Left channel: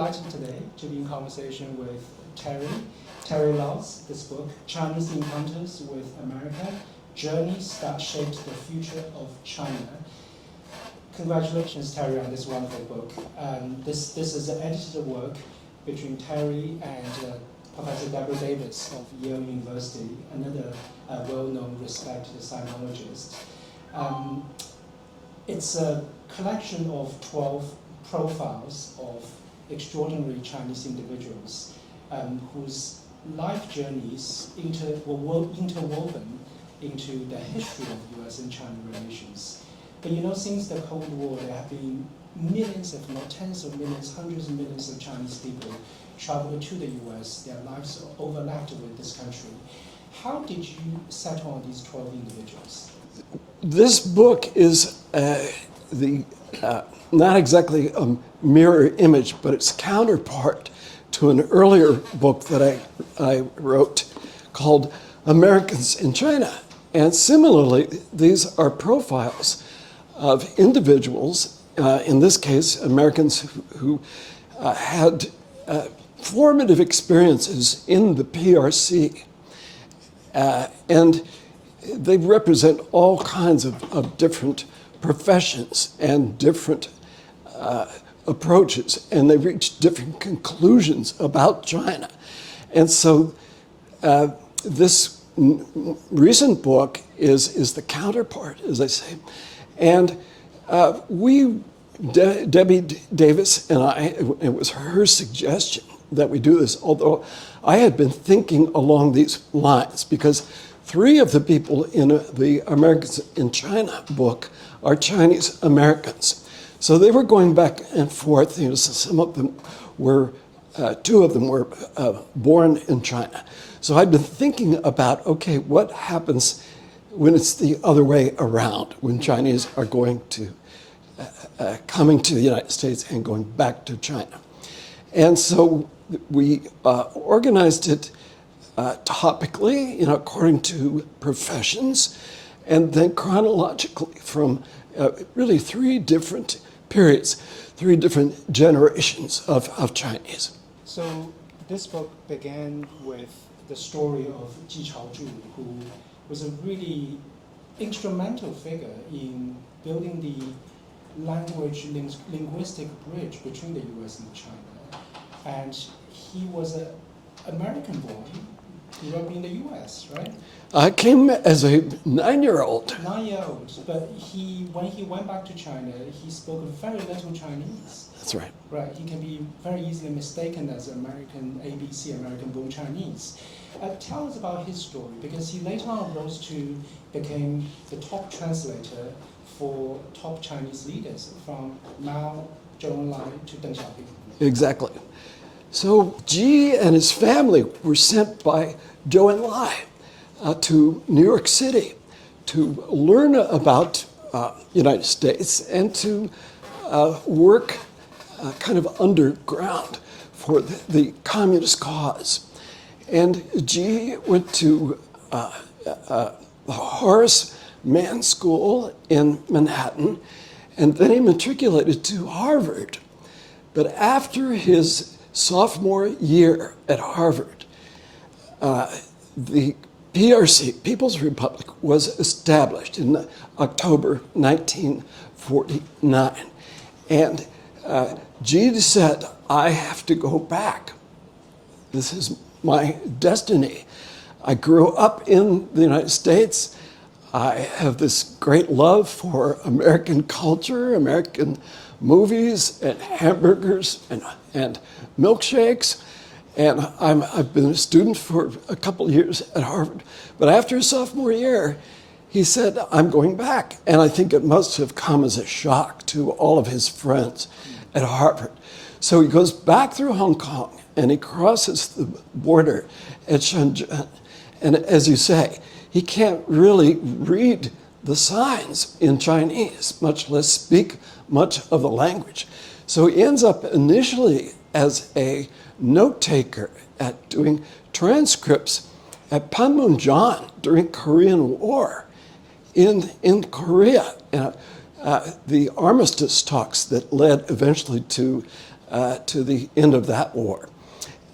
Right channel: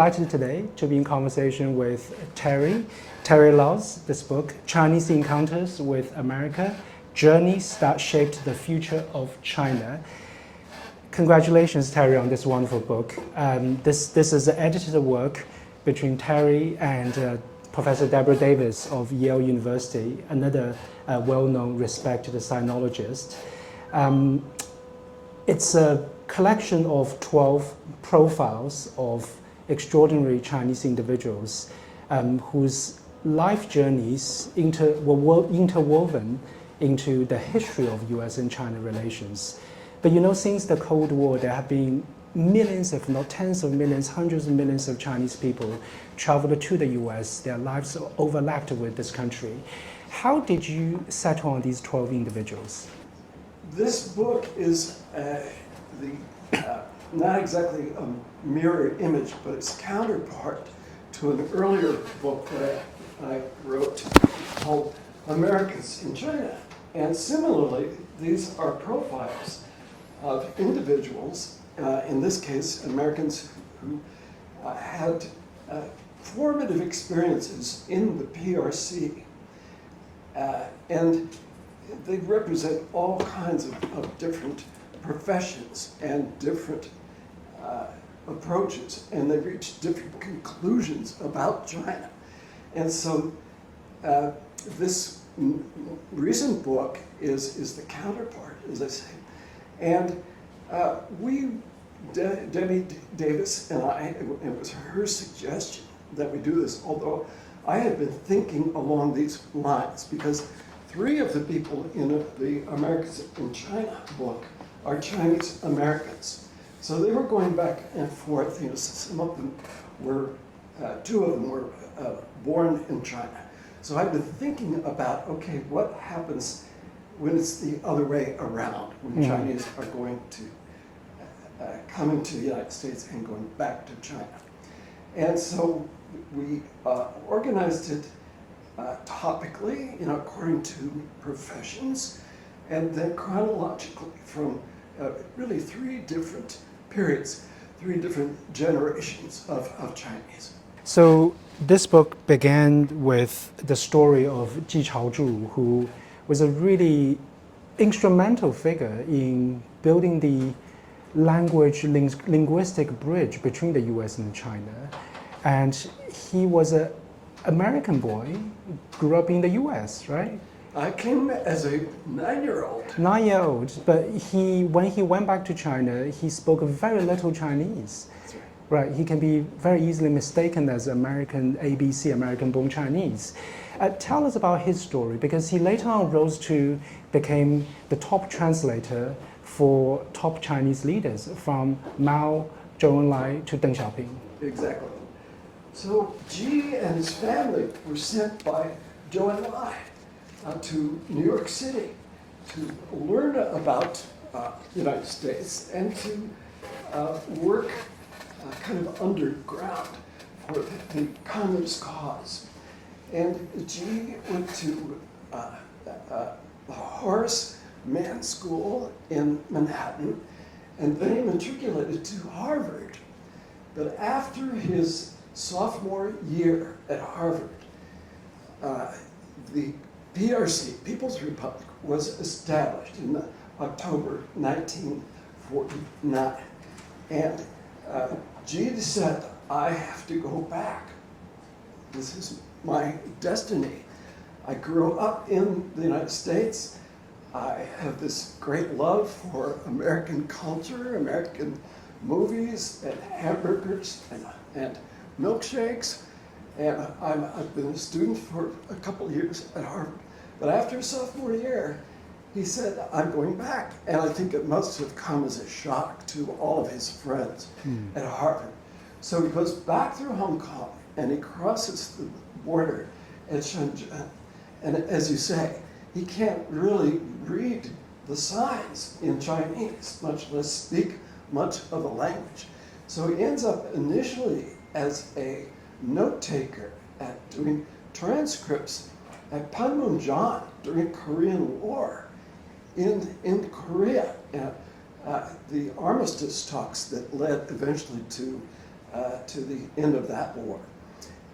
delighted today to be in conversation with Terry Lautz, this book, Chinese Encounters with America, Journeys That Shaped the Future of China. Congratulations, Terry, on this wonderful book. This is an edited work between Terry and Professor Deborah Davis of Yale University, another well-known, respected sinologist. It's a collection of 12 profiles of extraordinary Chinese individuals whose life journeys were interwoven into the history of US and China relations. But you know, since the Cold War, there have been millions, if not tens of millions, hundreds of millions of Chinese people traveled to the US. Their lives overlapped with this country. How did you settle on these 12 individuals? This book is not exactly a mirror image, but it's counterpart to an earlier book that I wrote called Americans in China. And similarly, these are profiles of individuals, in this case, Americans who had formative experiences in the PRC. And they represent all kinds of different professions and different approaches, and they reach different conclusions about China. And so this recent book is the counterpart, as I say. And Debbie Davis and I, it was her suggestion that we do this, although I had been thinking along these lines, because 3 of the people in the Americans in China book are Chinese Americans. So they were going back and forth. You know, so some of them were, 2 of them were born in China. So I'd been thinking about, okay, what happens when it's the other way around, when Chinese are going to, coming to the United States and going back to China. And so we organized it topically, you know, according to professions, and then chronologically from really 3 different periods, 3 different generations of Chinese. So this book began with the story of Ji Chaozhu, who was a really instrumental figure in building the linguistic bridge between the US and China. And he was an American boy, grew up in the US, right? I came as a 9-year-old. 9-year-old, but when he went back to China, he spoke very little Chinese. That's right. Right, he can be very easily mistaken as American ABC, American-born Chinese. Tell us about his story, because he later on rose to became the top translator for top Chinese leaders, from Mao, Zhou Enlai to Deng Xiaoping. Exactly. So Ji and his family were sent by Zhou Enlai to New York City to learn about the United States and to work kind of underground for the communist cause. And Ji went to the Horace Mann School in Manhattan, and then he matriculated to Harvard. But after his sophomore year at Harvard, the PRC, People's Republic, was established in October 1949. And Ji said, I have to go back. This is my destiny. I grew up in the United States. I have this great love for American culture, American movies and hamburgers and milkshakes. And I've been a student for a couple of years at Harvard. But after his sophomore year, he said, I'm going back. And I think it must have come as a shock to all of his friends at Harvard. So he goes back through Hong Kong and he crosses the border at Shenzhen. And as you say, he can't really read the signs in Chinese, much less speak much of the language. So he ends up initially as a note taker at doing transcripts at Panmunjom during Korean War in Korea. The armistice talks that led eventually to to the end of that war.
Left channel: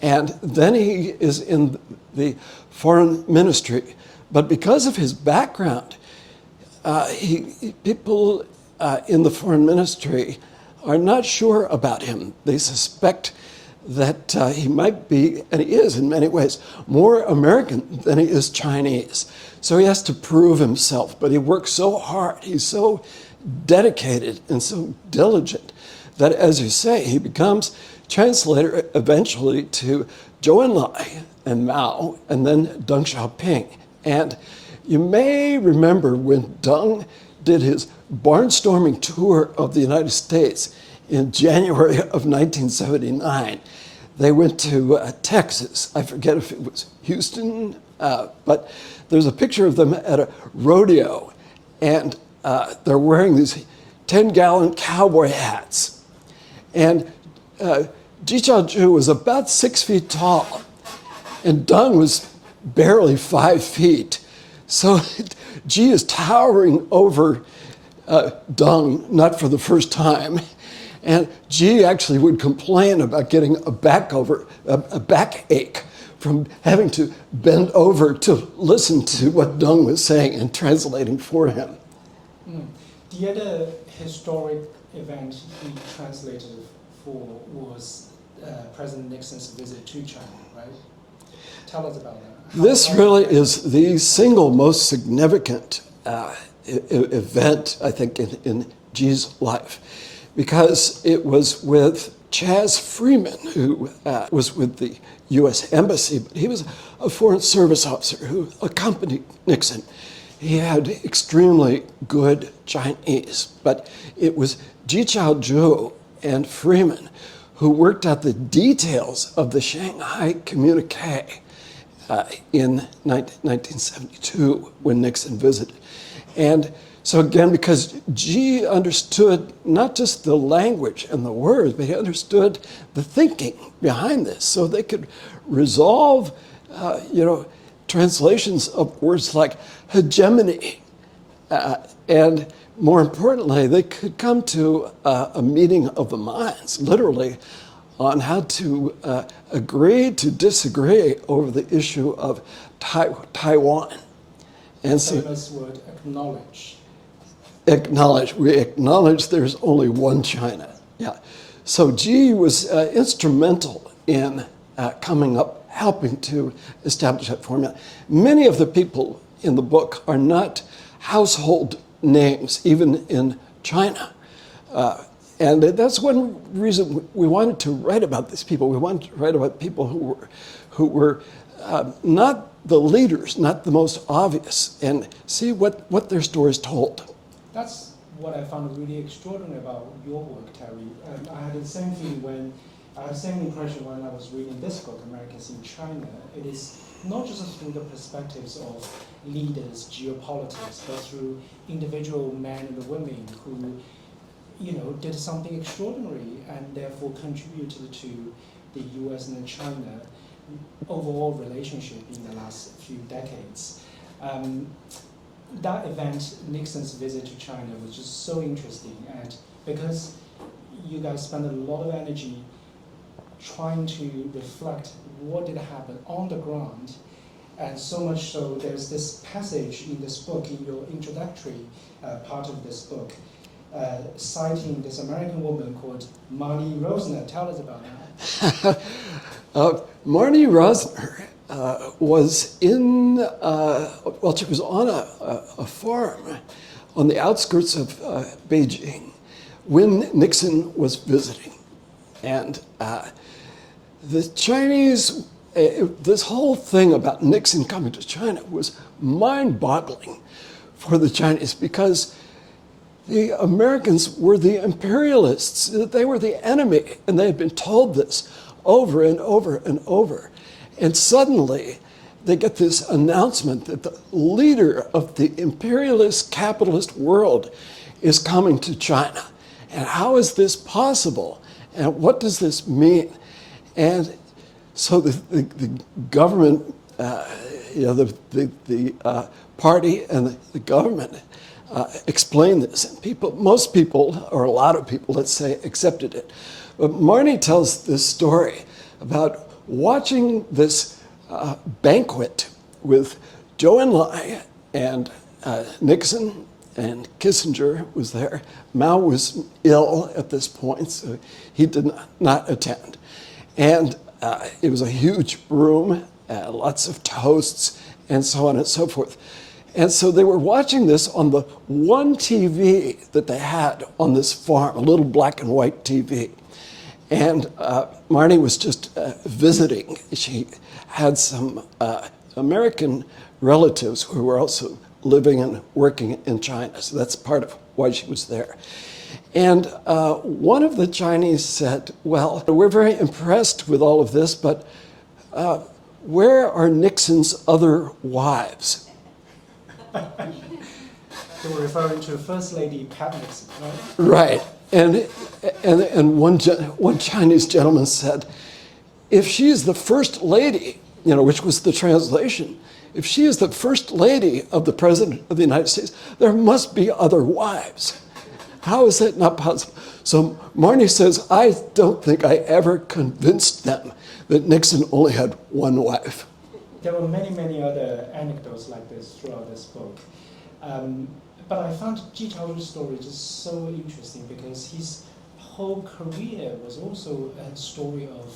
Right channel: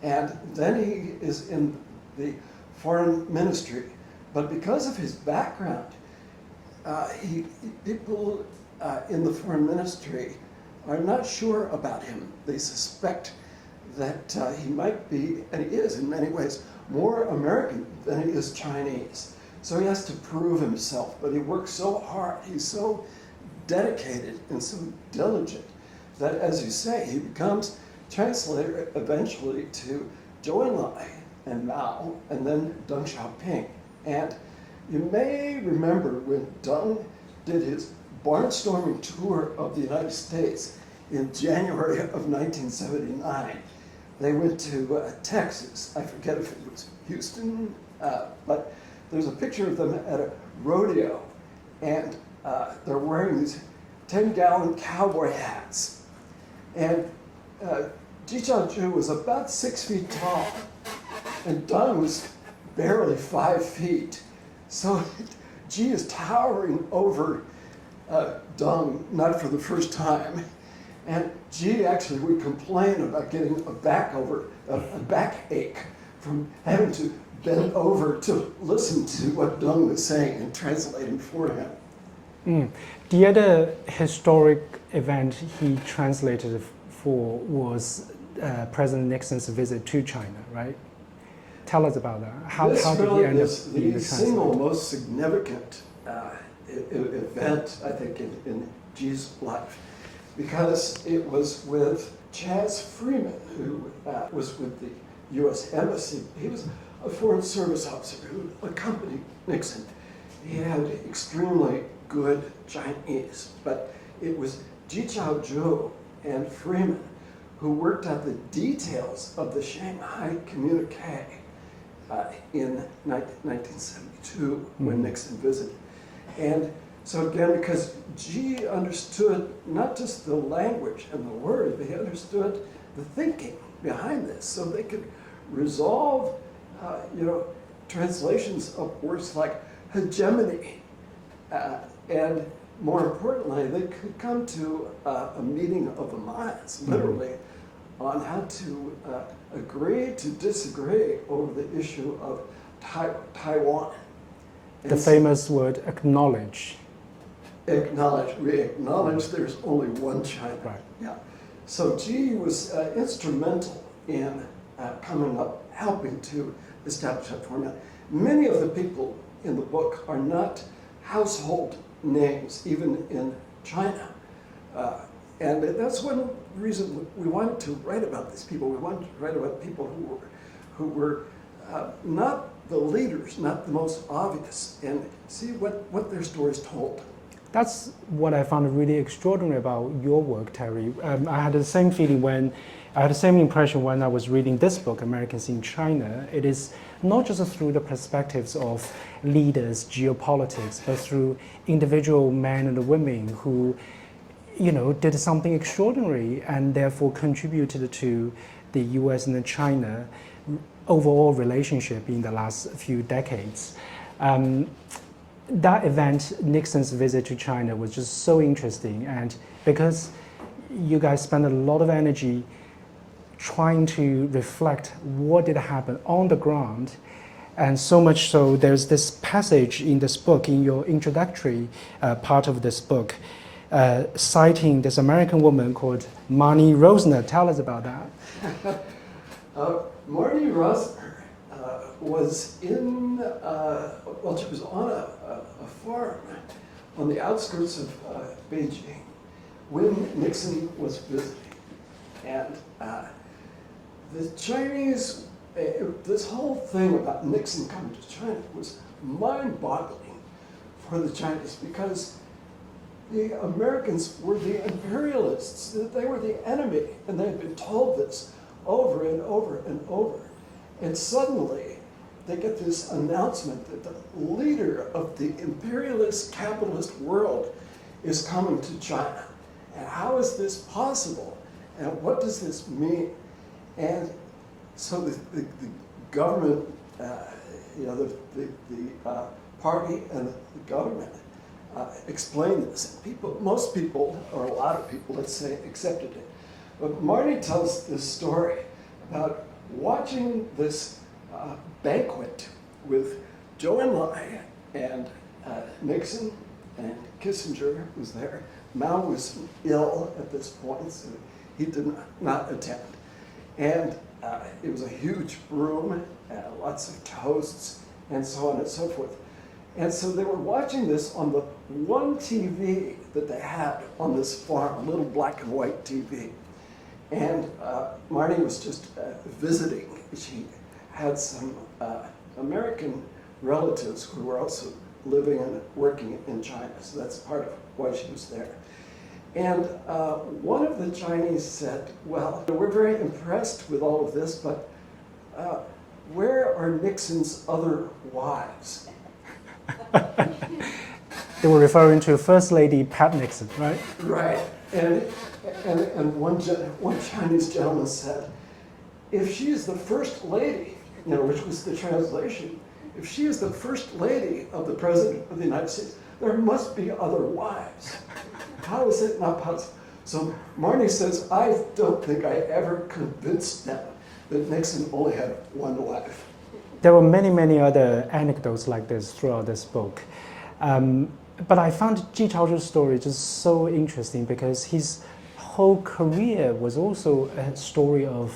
And then he is in the foreign ministry. But because of his background, people in the foreign ministry are not sure about him. They suspect that he might be, and he is in many ways, more American than he is Chinese. So he has to prove himself, but he works so hard, he's so dedicated and so diligent that, as you say, he becomes translator eventually to Zhou Enlai and Mao, and then Deng Xiaoping. And you may remember when Deng did his barnstorming tour of the United States in January of 1979. They went to Texas. I forget if it was Houston, but there's a picture of them at a rodeo, and they're wearing these 10-gallon cowboy hats. And Ji Chaozhou was about 6 feet tall, and Deng was barely 5 feet. So Ji is towering over Deng, not for the first time. And Ji actually would complain about getting a backache from having to bend over to listen to what Deng was saying and translating for him. The other historic event he translated for was President Nixon's visit to China, right? Tell us about that. This really is the single most significant event, I think, in Ji's life, because it was with Chas Freeman, who was with the U.S. Embassy. He was a Foreign Service officer who accompanied Nixon. He had extremely good Chinese, but it was Ji Chaozhou and Freeman who worked out the details of the Shanghai communique in 1972 when Nixon visited. And so again, because Ji understood not just the language and the words, but he understood the thinking behind this, so they could resolve, translations of words like hegemony, and more importantly, they could come to a meeting of the minds, literally, on how to agree to disagree over the issue of Taiwan. And the famous word, acknowledge. Acknowledge. We acknowledge there's only one China. Right. Yeah. So Ji was instrumental in helping to establish that formula. Many of the people in the book are not household names, even in China. And that's one reason we wanted to write about these people. We wanted to write about people who were not the leaders, not the most obvious, and see what their stories told. That's what I found really extraordinary about your work, Terry. I had the same impression when I was reading this book, Americans in China. It is not just through the perspectives of leaders, geopolitics, but through individual men and women who, did something extraordinary and therefore contributed to the U.S. and China overall relationship in the last few decades. That event, Nixon's visit to China, was just so interesting, and because you guys spent a lot of energy trying to reflect what did happen on the ground, and so much so there's this passage in this book, in your introductory part of this book, citing this American woman called Marnie Rosner. Tell us about that. Marnie Rosner was she was on a farm on the outskirts of Beijing when Nixon was visiting. And the Chinese, this whole thing about Nixon coming to China was mind-boggling for the Chinese, because the Americans were the imperialists, they were the enemy, and they had been told this over and over and over. And suddenly, they get this announcement that the leader of the imperialist capitalist world is coming to China. And how is this possible? And what does this mean? And so the government, the party and the government explained this. And most people, or a lot of people, let's say, accepted it. But Marnie tells this story about watching this banquet with Zhou Enlai and Nixon, and Kissinger was there. Mao was ill at this point, so he did not attend. And it was a huge room, lots of toasts, and so on and so forth. And so they were watching this on the one TV that they had on this farm, a little black and white TV. And Marnie was just visiting. She had some American relatives who were also living and working in China. So that's part of why she was there. And one of the Chinese said, well, we're very impressed with all of this, but where are Nixon's other wives? They were referring to First Lady Pat Nixon, right? Right. And one Chinese gentleman said, if she is the first lady, which was the translation, if she is the first lady of the President of the United States, there must be other wives. How is that not possible? So Marnie says, I don't think I ever convinced them that Nixon only had one wife. There were many, many other anecdotes like this throughout this book. But I found Ji Chaozhu's story just so interesting because his whole career was also a story of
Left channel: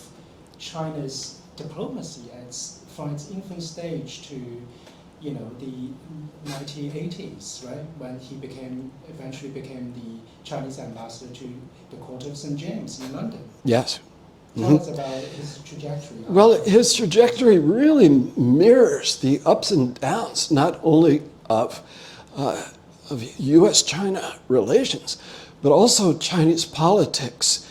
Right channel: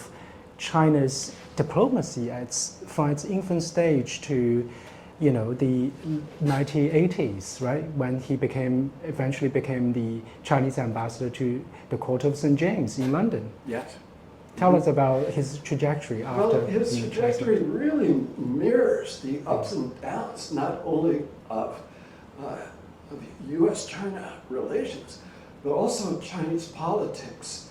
China's diplomacy from its infant stage to, the 1980s, right? When he eventually became the Chinese ambassador to the court of St. James in London. Yes. Tell us about his trajectory. Well, his trajectory really mirrors the ups and downs, not only of U.S.-China relations, but also Chinese politics,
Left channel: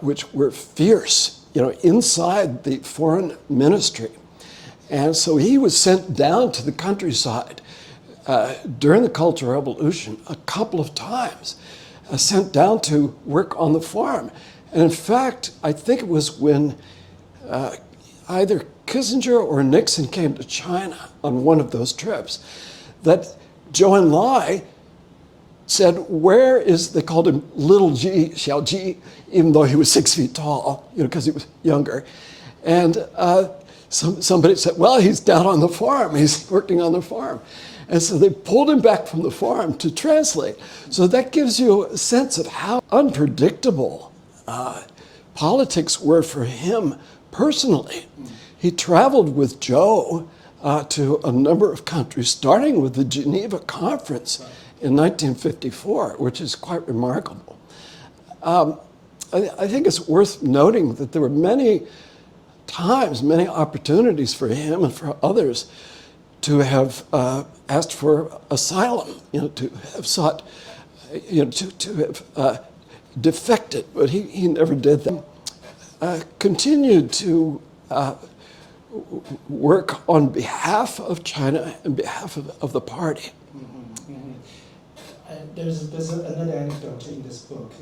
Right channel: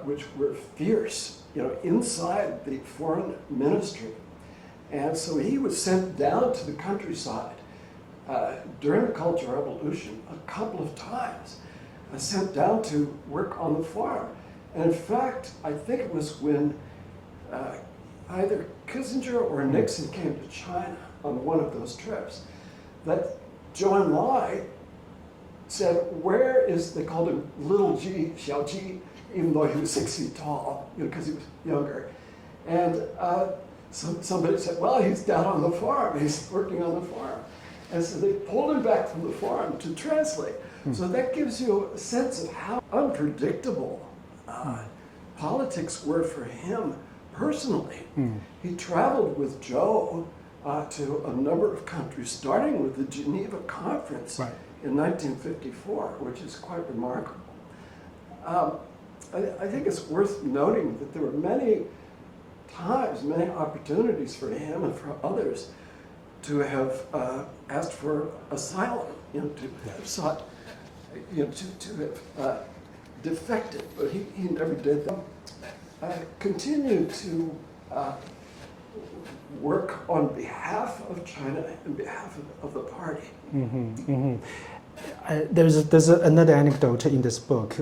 which were fierce, inside the foreign ministry. And so he was sent down to the countryside during the Cultural Revolution a couple of times, sent down to work on the farm. And in fact, I think it was when either Kissinger or Nixon came to China on one of those trips that Zhou Enlai said, where is, they called him Little G, Xiao Ji, even though he was 6 feet tall, because he was younger. And somebody said, well, he's down on the farm, he's working on the farm. And so they pulled him back from the farm to translate. So that gives you a sense of how unpredictable politics were for him personally. He traveled with Zhou to a number of countries, starting with the Geneva Conference in 1954, which is quite remarkable. I think it's worth noting that there were many times, many opportunities for him and for others to have asked for asylum, to have sought, to have defected, but he never did that. Continued to work on behalf of China and behalf of the party. There's another anecdote in this book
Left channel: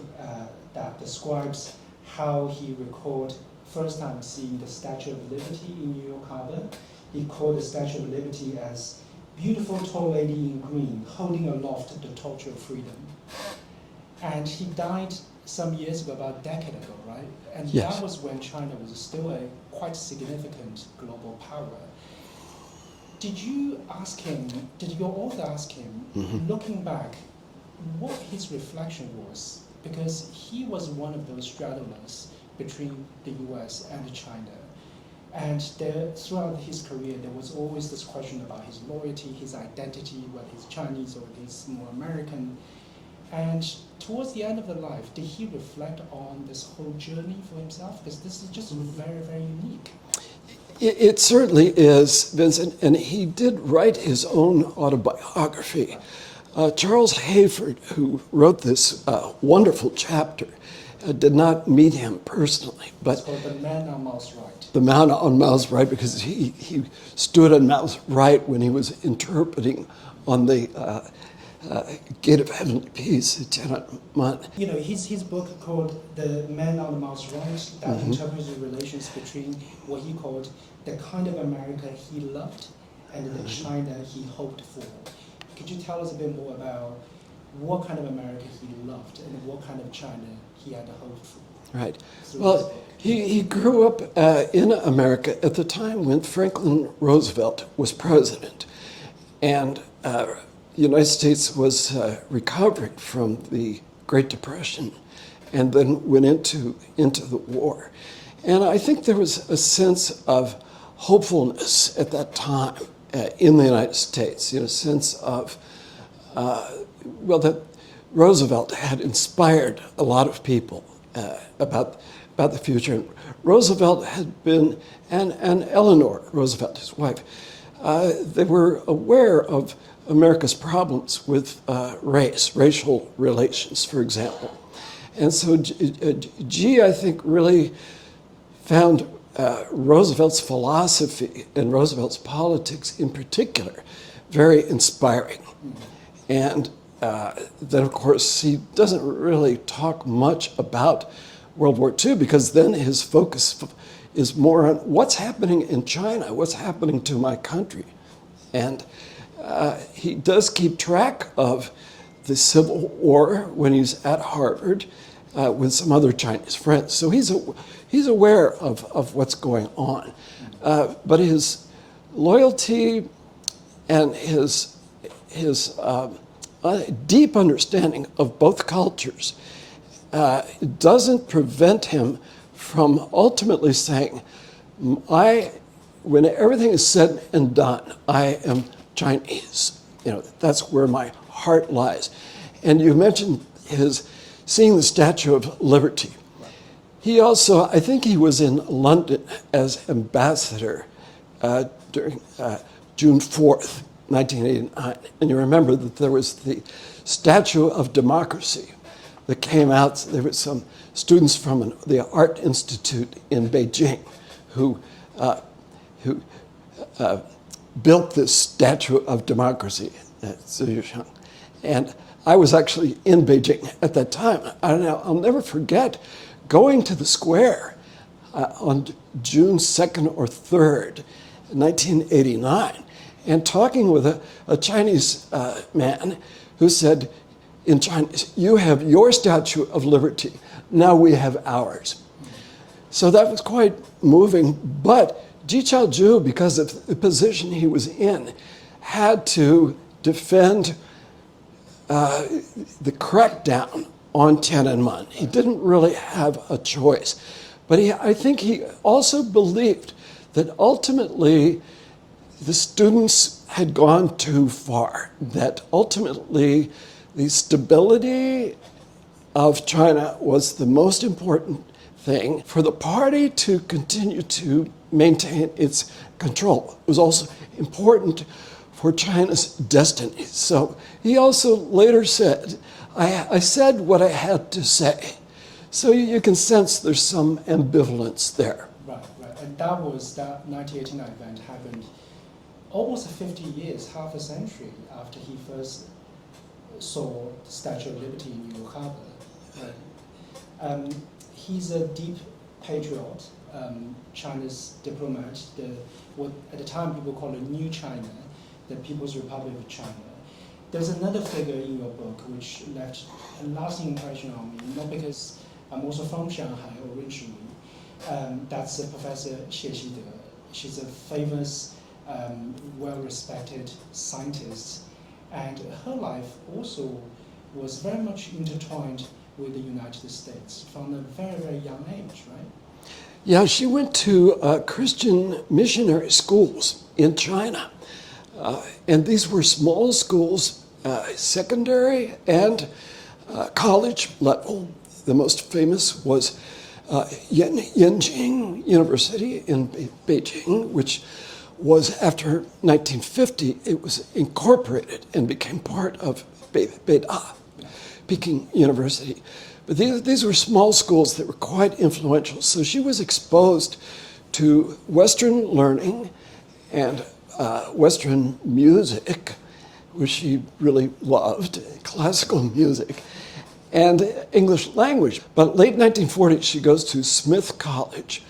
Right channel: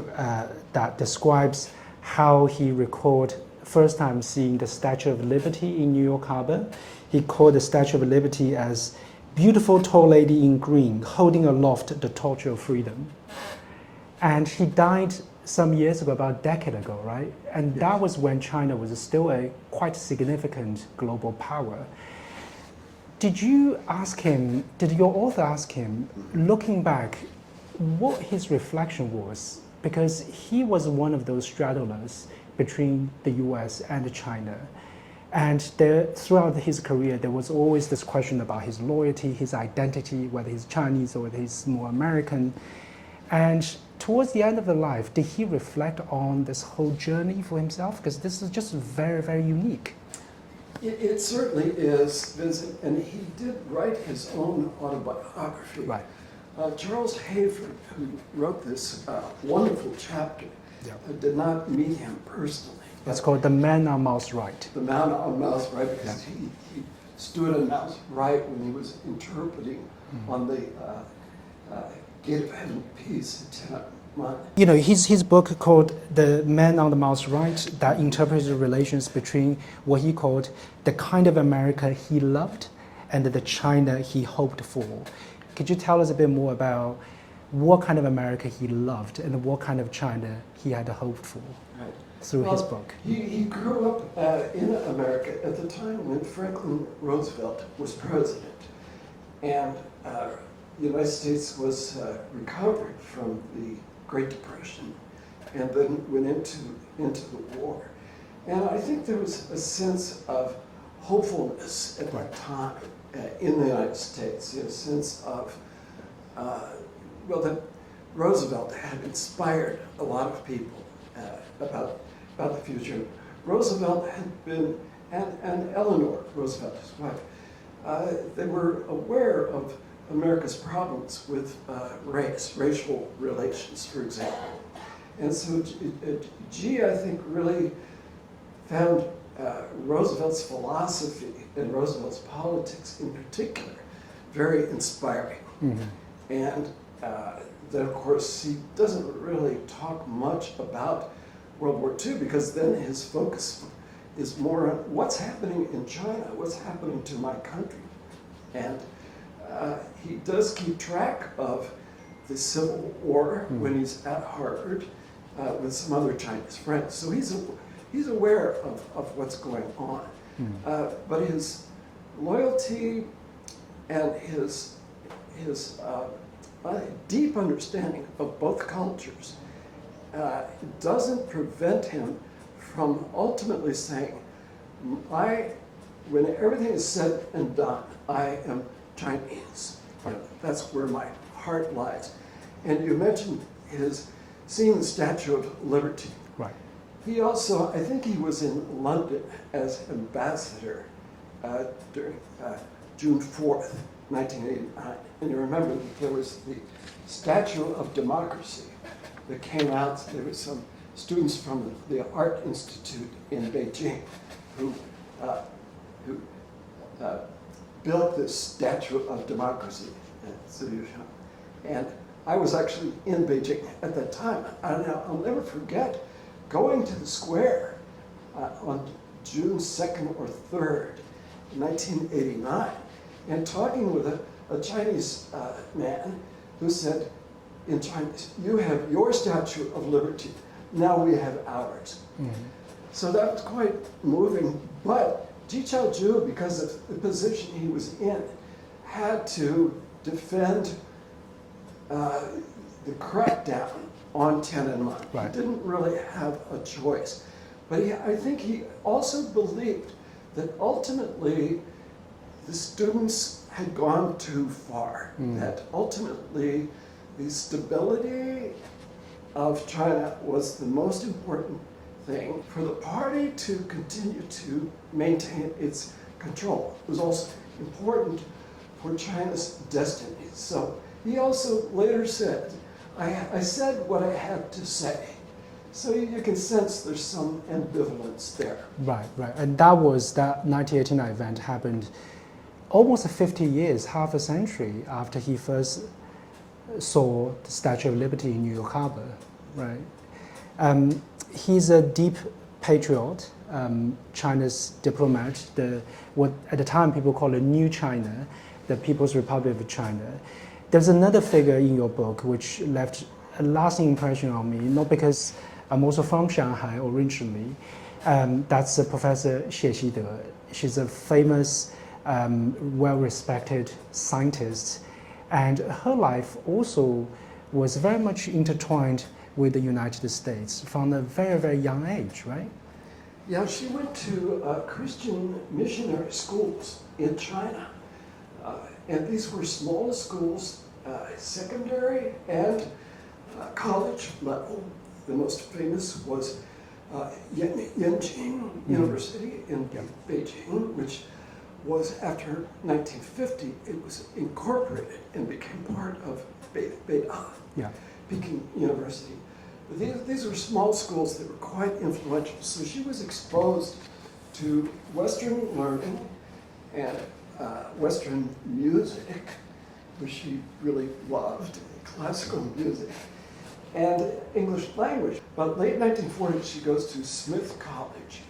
that describes how he recalled first time seeing the Statue of Liberty in New York Harbor. He called the Statue of Liberty as beautiful tall lady in green, holding aloft the torch of freedom. And he died some years ago, about a decade ago, right? And yes. That was when China was still a quite significant global power. Did your author ask him, looking back, what his reflection was? Because he was one of those straddlers between the US and China. And throughout his career, there was always this question about his loyalty, his identity, whether he's Chinese or whether he's more American. And towards the end of his life, did he reflect on this whole journey for himself? Because this is just very, very unique. It certainly is, Vincent, and he did write his own autobiography. Right. Charles Hayford, who wrote this wonderful chapter, did not meet him personally. But it's called The Man on Mao's Right. The Man on Mao's Right, because he stood on Mao's right when he was interpreting on the Gate of Heavenly Peace, Tiananmen. His book called The Man on the Mao's Right that interprets the relations between what he called the kind of America he loved and the China he hoped for. Could you tell us a bit more about what kind of America he loved and what kind of China he had hoped for Right. through Well, his book. he grew up in America at the time when Franklin Roosevelt was president. And the United States was recovering from the Great Depression and then went into the war. And I think there was a sense of hopefulness at that time in the United States, a sense of, that Roosevelt had inspired a lot of people about the future. Roosevelt had been, and Eleanor Roosevelt, his wife, they were aware of America's problems with racial relations, for example. And so G, I think, really found Roosevelt's philosophy and Roosevelt's politics in particular very inspiring. Mm-hmm. And then, of course, he doesn't really talk much about World War II because then his focus is more on what's happening in China, what's happening to my country. And he does keep track of the Civil War when he's at Harvard with some other Chinese friends. So he's aware of what's going on. But his loyalty and his deep understanding of both cultures doesn't prevent him from ultimately saying, when everything is said and done, I am Chinese. That's where my heart lies. And you mentioned his seeing the Statue of Liberty. Right. He also, I think he was in London as ambassador during June 4th, 1989. And you remember that there was the Statue of Democracy that came out. There were some students from the Art Institute in Beijing who built this Statue of Democracy at Ziyushang. And I was actually in Beijing at that time. I'll never forget going to the square on June 2nd or 3rd, 1989, and talking with a Chinese man who said in Chinese, "You have your Statue of Liberty, now we have ours." Mm-hmm. So that was quite moving, but Ji Chaozhou, because of the position he was in, had to defend the crackdown on Tiananmen. Right. He didn't really have a choice. But I think he also believed that ultimately the students had gone too far, that ultimately the stability of China was the most important thing for the party to continue to maintain its control. It was also important for China's destiny. So he also later said, I said what I had to say. So you can sense there's some ambivalence there. Right. And that 1989 event happened almost 50 years, half a century after he first saw the Statue of Liberty in New York Harbor, right? He's a deep patriot, China's diplomat, what at the time people call it New China, the People's Republic of China. There's another figure in your book which left a lasting impression on me, not because I'm also from Shanghai originally. That's Professor Xie Xide. She's a famous, well-respected scientist, and her life also was very much intertwined with the United States from a very, very young age, right? Yeah, she went to Christian missionary schools in China. And these were small schools, secondary and college level. The most famous was Harvard-Yenching University in Beijing, which was after 1950, it was incorporated and became part of Beida, Peking University. But these were small schools that were quite influential. So she was exposed to Western learning and Western music, which she really loved, classical music, and English language. But late 1940s, she goes to Smith College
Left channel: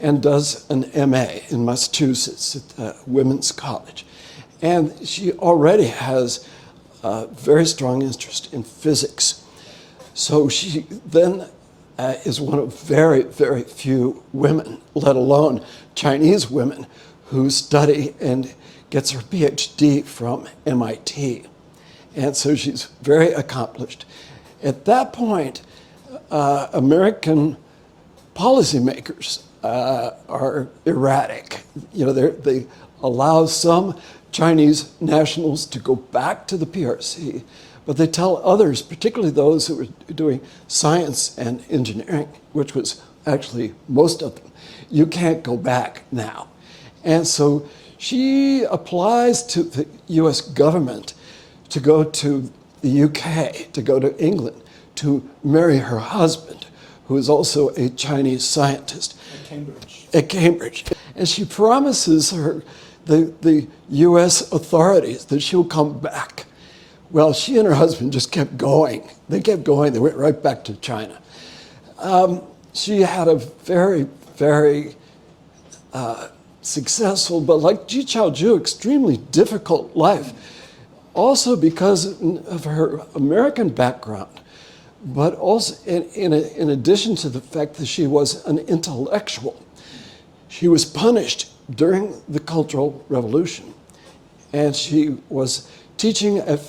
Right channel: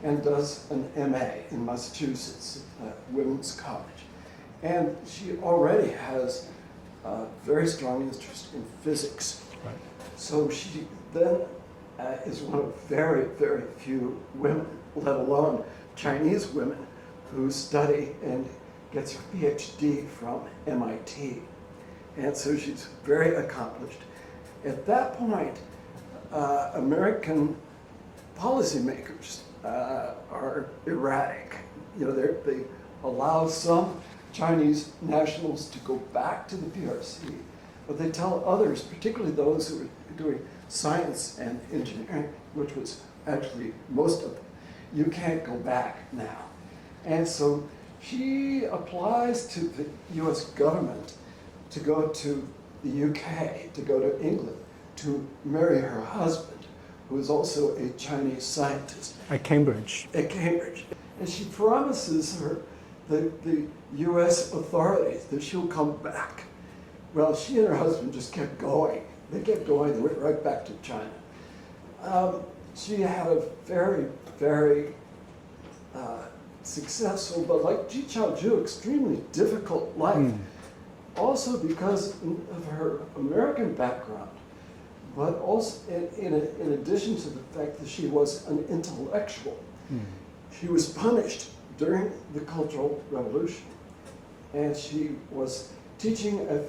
and does an MA in Massachusetts at Women's College. And she already has very strong interest in physics. Right. So she then is one of very, very few women, let alone Chinese women, who study and gets her PhD from MIT. And so she's very accomplished. At that point, American policymakers are erratic. You know, they allow some Chinese nationals to go back to the PRC, but they tell others, particularly those who were doing science and engineering, which was actually most of them, you can't go back now. And so she applies to the US government to go to the UK, to go to England, to marry her husband, who is also a Chinese scientist. At Cambridge. At Cambridge. And she promises her, the US authorities, that she'll come back. Well, she and her husband just kept going. They kept going. They went right back to China. She had a very, very successful, but like Ji Chaoju, extremely difficult life. Also because of her American background, but also in addition to the fact that she was an intellectual. She was punished during the Cultural Revolution, and she was teaching at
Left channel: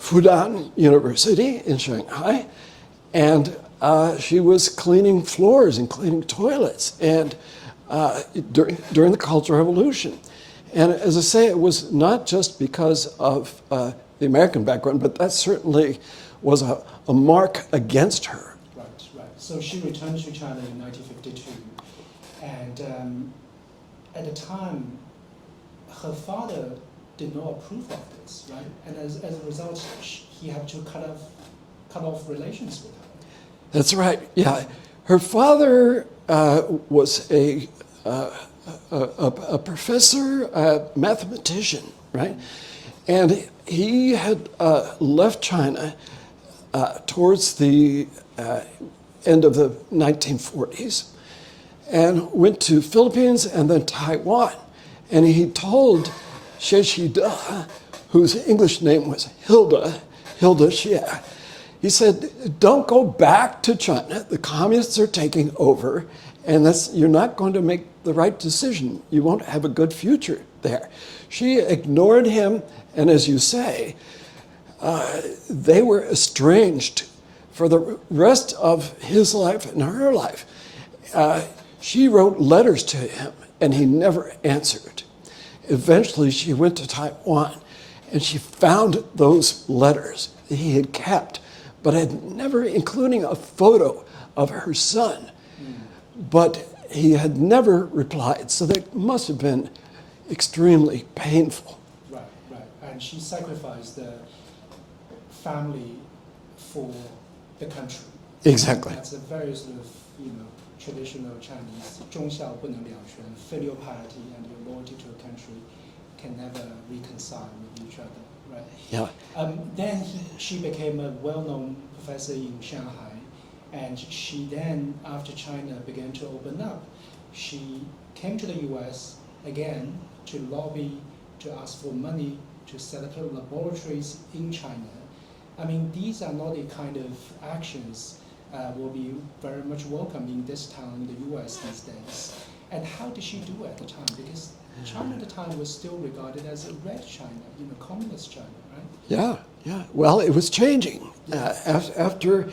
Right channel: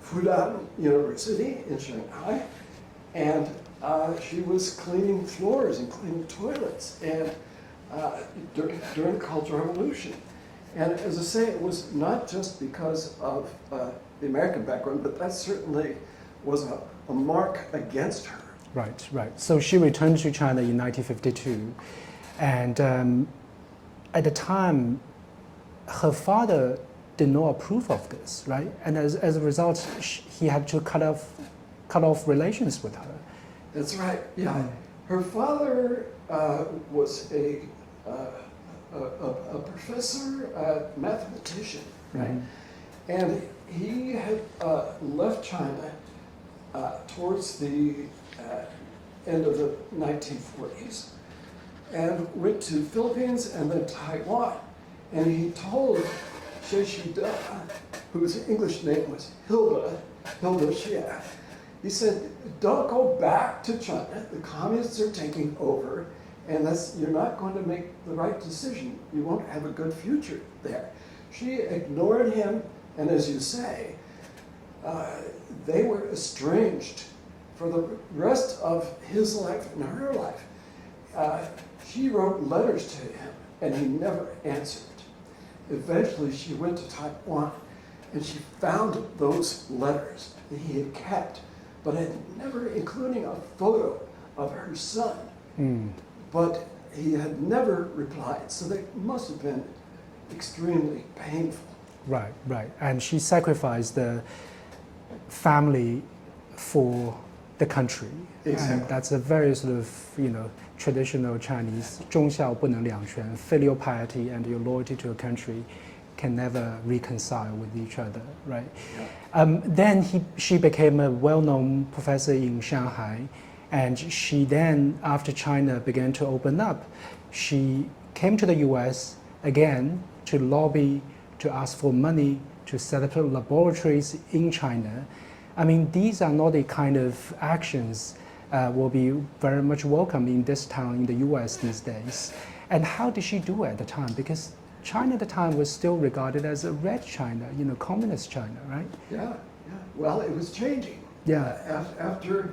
Fudan University in Shanghai, and she was cleaning floors and cleaning toilets and during the Cultural Revolution. And as I say, it was not just because of the American background, but that certainly was a mark against her. Right, right. So she returned to China in 1952, and at the time, her father did not approve of this, right? And as a result, he had to cut off relations with her. That's right. Yeah, her father was a professor, a mathematician, right? And he had left China towards the end of the 1940s and went to Philippines and then Taiwan. And he told Xie Xida, whose English name was Hilda Xie, he said, don't go back to China. The communists are taking over, and you're not going to make the right decision. You won't have a good future there. She ignored him, and as you say, they were estranged for the rest of his life and her life. She wrote letters to him, and he never answered. Eventually, she went to Taiwan, and she found those letters that he had kept, but had never, including a photo of her son. But he had never replied, so that must have been extremely painful. Right, right. And she sacrificed the family for the country. Exactly. That's a very sort of, traditional Chinese, 忠孝不能两全, filial piety and your loyalty to your country can never reconcile with each other, right? Yeah. Then she became a well-known professor in Shanghai, and she then, after China began to open up, she came to the US again to lobby, to ask for money, to set up laboratories in China. I mean, these are not the kind of actions will be very much welcome in this town in the US these days. And how did she do it at the time? Because China at the time was still regarded as a red China, communist China, right? Yeah, yeah. Well, it was changing. Yeah. After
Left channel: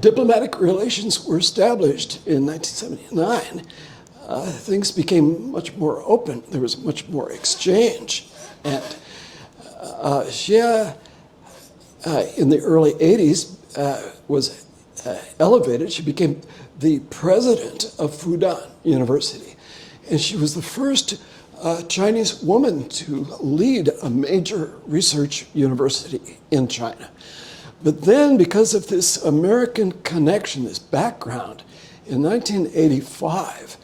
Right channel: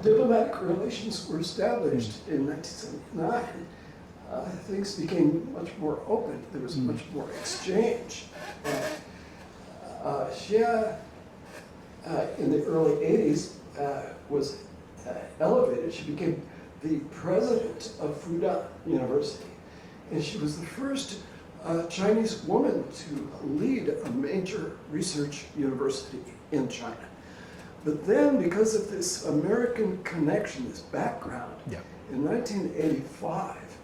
diplomatic relations were established in 1979, things became much more open. There was much more exchange. And Xie, in the early 80s, was elevated. She became the president of Fudan University. And she was the first Chinese woman to lead a major research university in China. But then, because of this American connection, this background, in 1985,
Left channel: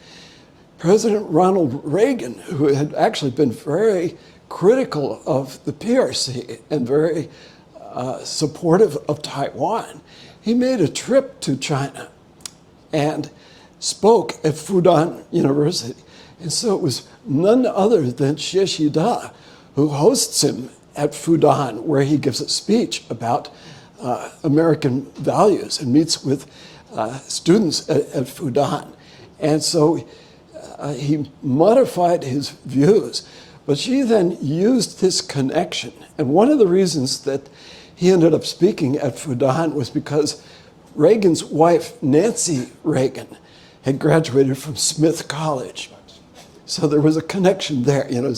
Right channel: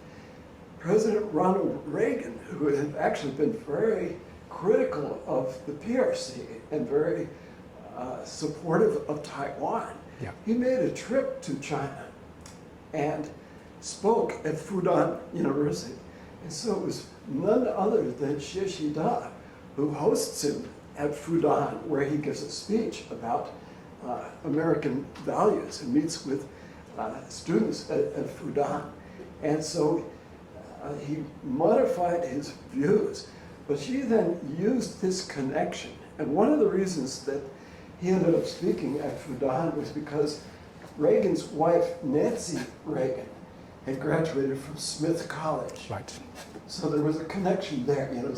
President Ronald Reagan, who had actually been very critical of the PRC and very supportive of Taiwan, he made a trip to China and spoke at Fudan University. And so it was none other than Xie Xida who hosts him at Fudan, where he gives a speech about American values and meets with students at Fudan. And so he modified his views, but she then used this connection. And one of the reasons that he ended up speaking at Fudan was because Reagan's wife, Nancy Reagan, had graduated from Smith College. Right. So there was a connection there. You know,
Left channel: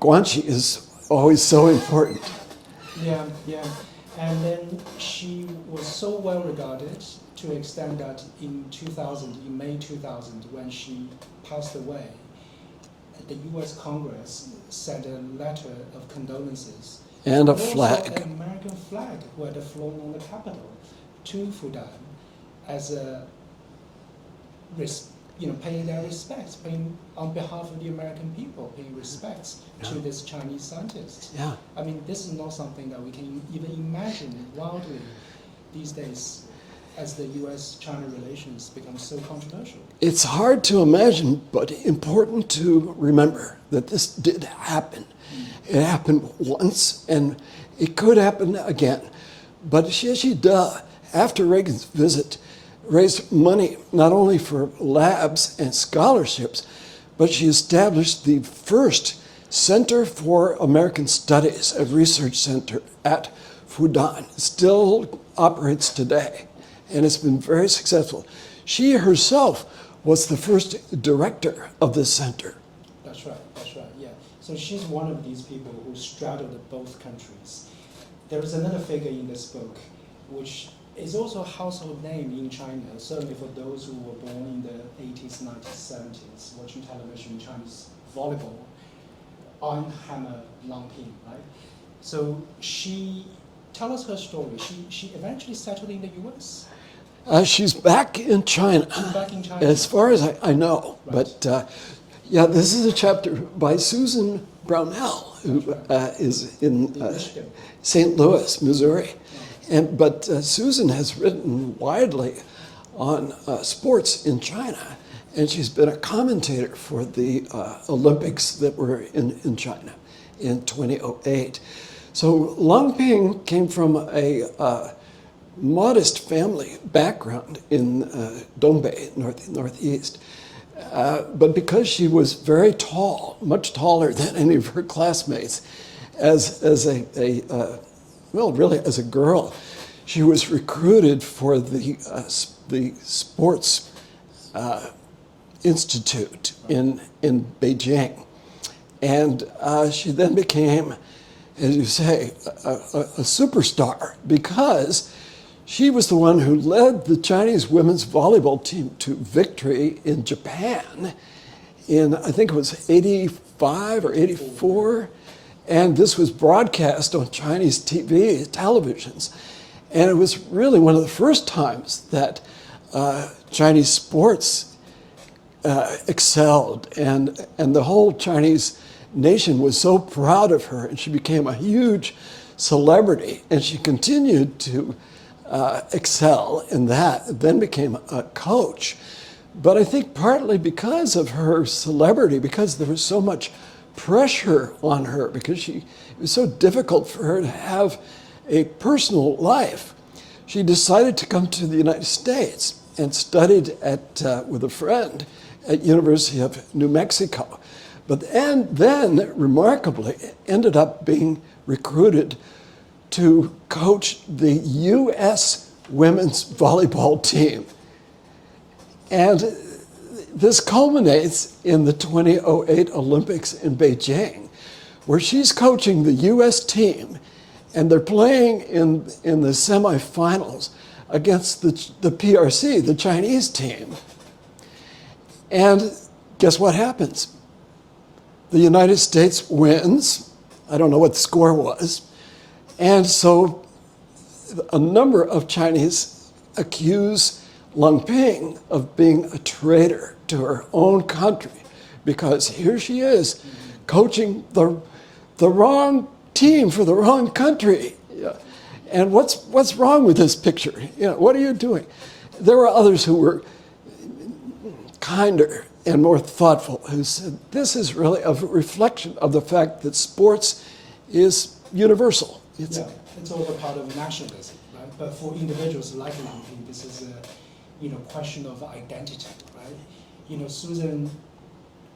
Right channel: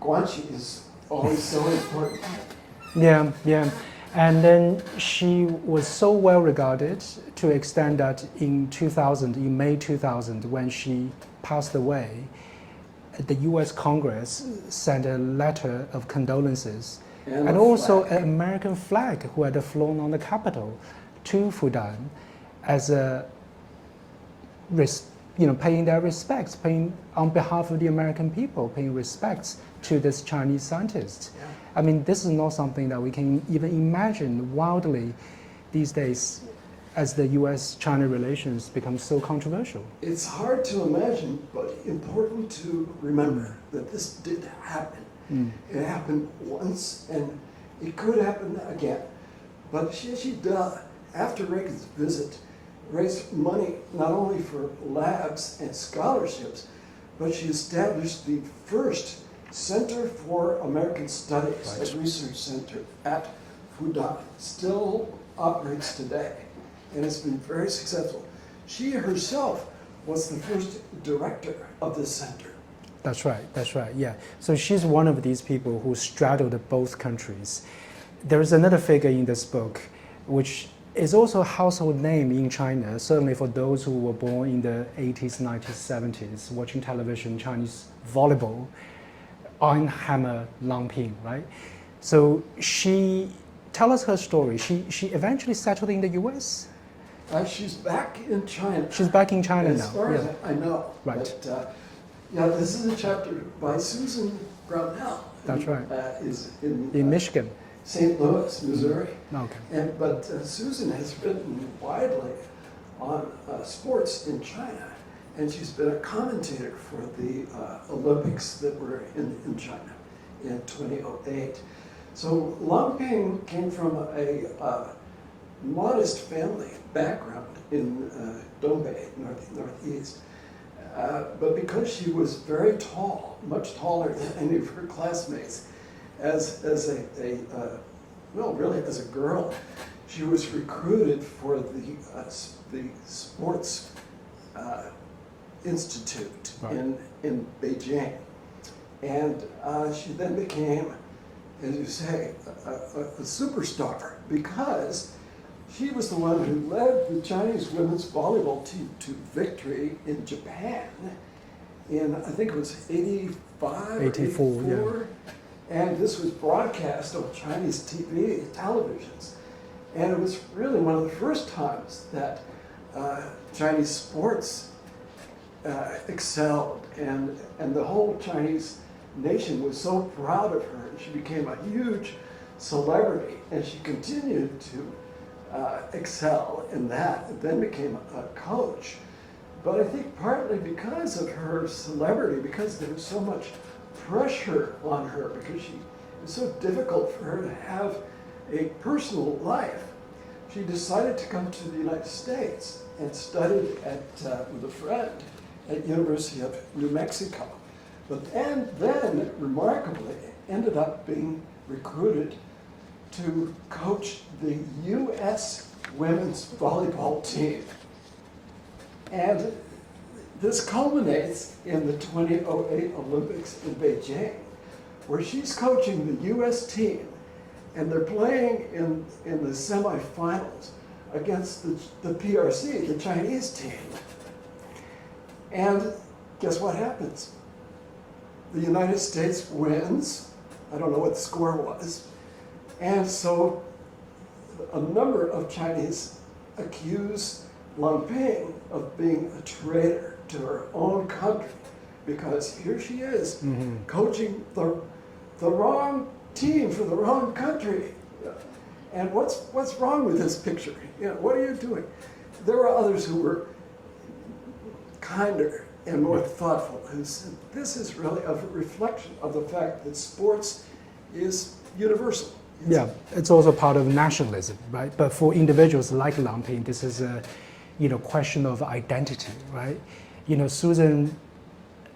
Guanxi is always so important. Yeah, yeah. And then she was so well regarded to the extent that in 2000, in May 2000, when she passed away, the US Congress sent a letter of condolences And a also flag. an American flag who had flown on the Capitol to Fudan as a, paying their respects, paying on behalf of the American people, paying respects to this Chinese scientist. Yeah. I mean, this is not something that we can even imagine wildly these days as the US-China relations become so controversial. It's hard to imagine, but important to remember that this did happen. It happened once, and it could happen again. But Xie after Reagan's visit, raised money not only for labs and scholarships, but she established the first Center for American Studies, a research center at Fudan. It still operates today, and it's been very successful. She herself was the first director of this center. That's right, yeah. So she's one of these people who straddled both countries. There's another figure in this book, which is also a household name in China, certainly for those who were born in the 80s, 90s, 70s, watching television, Chinese volleyball, Hammer Langping, right? So tell us her story. She eventually settled in the US? She's back in China. She's back in China as now. far as I know. Right. But yeah, this is a chapter by Susan Brownell, That's who right. is in Michigan. St. Louis, Missouri. Okay. But Susan has written widely on sports in China, and she's been a commentator for the Olympics that were in China in 2008. So Langping came from a modest family background in Dongbei, northeast. But because she was very tall, much taller than any of her classmates, as a girl, she was recruited for the sports institute in Beijing, and she then became, as you say, a superstar because she was the one who led the Chinese women's volleyball team to victory in Japan in, I think it was 85 or 84. Yeah. And this was broadcast on Chinese televisions. And it was really one of the first times that Chinese sports excelled. And the whole Chinese nation was so proud of her. And she became a huge celebrity. And she continued to excel in that, then became a coach. But I think partly because of her celebrity, because there was so much pressure on her, because it was so difficult for her to have a personal life, she decided to come to the United States and studied with a friend at University of New Mexico. But then remarkably, ended up being recruited to coach the U.S. women's volleyball team. And this culminates in the 2008 Olympics in Beijing, where she's coaching the U.S. team, and they're playing in the semifinals against the PRC, the Chinese team. And guess what happens? The United States wins. I don't know what the score was. And so a number of Chinese accuse Langping of being a traitor to her own country, because here she is coaching the wrong team for the wrong country. And what's wrong with this picture? What are you doing? There were others who were kinder and more thoughtful, who said this is really a reflection of the fact that sports is universal. Yeah, it's also part of nationalism, right? But for individuals like Lang Ping, this is a, question of identity, right? Susan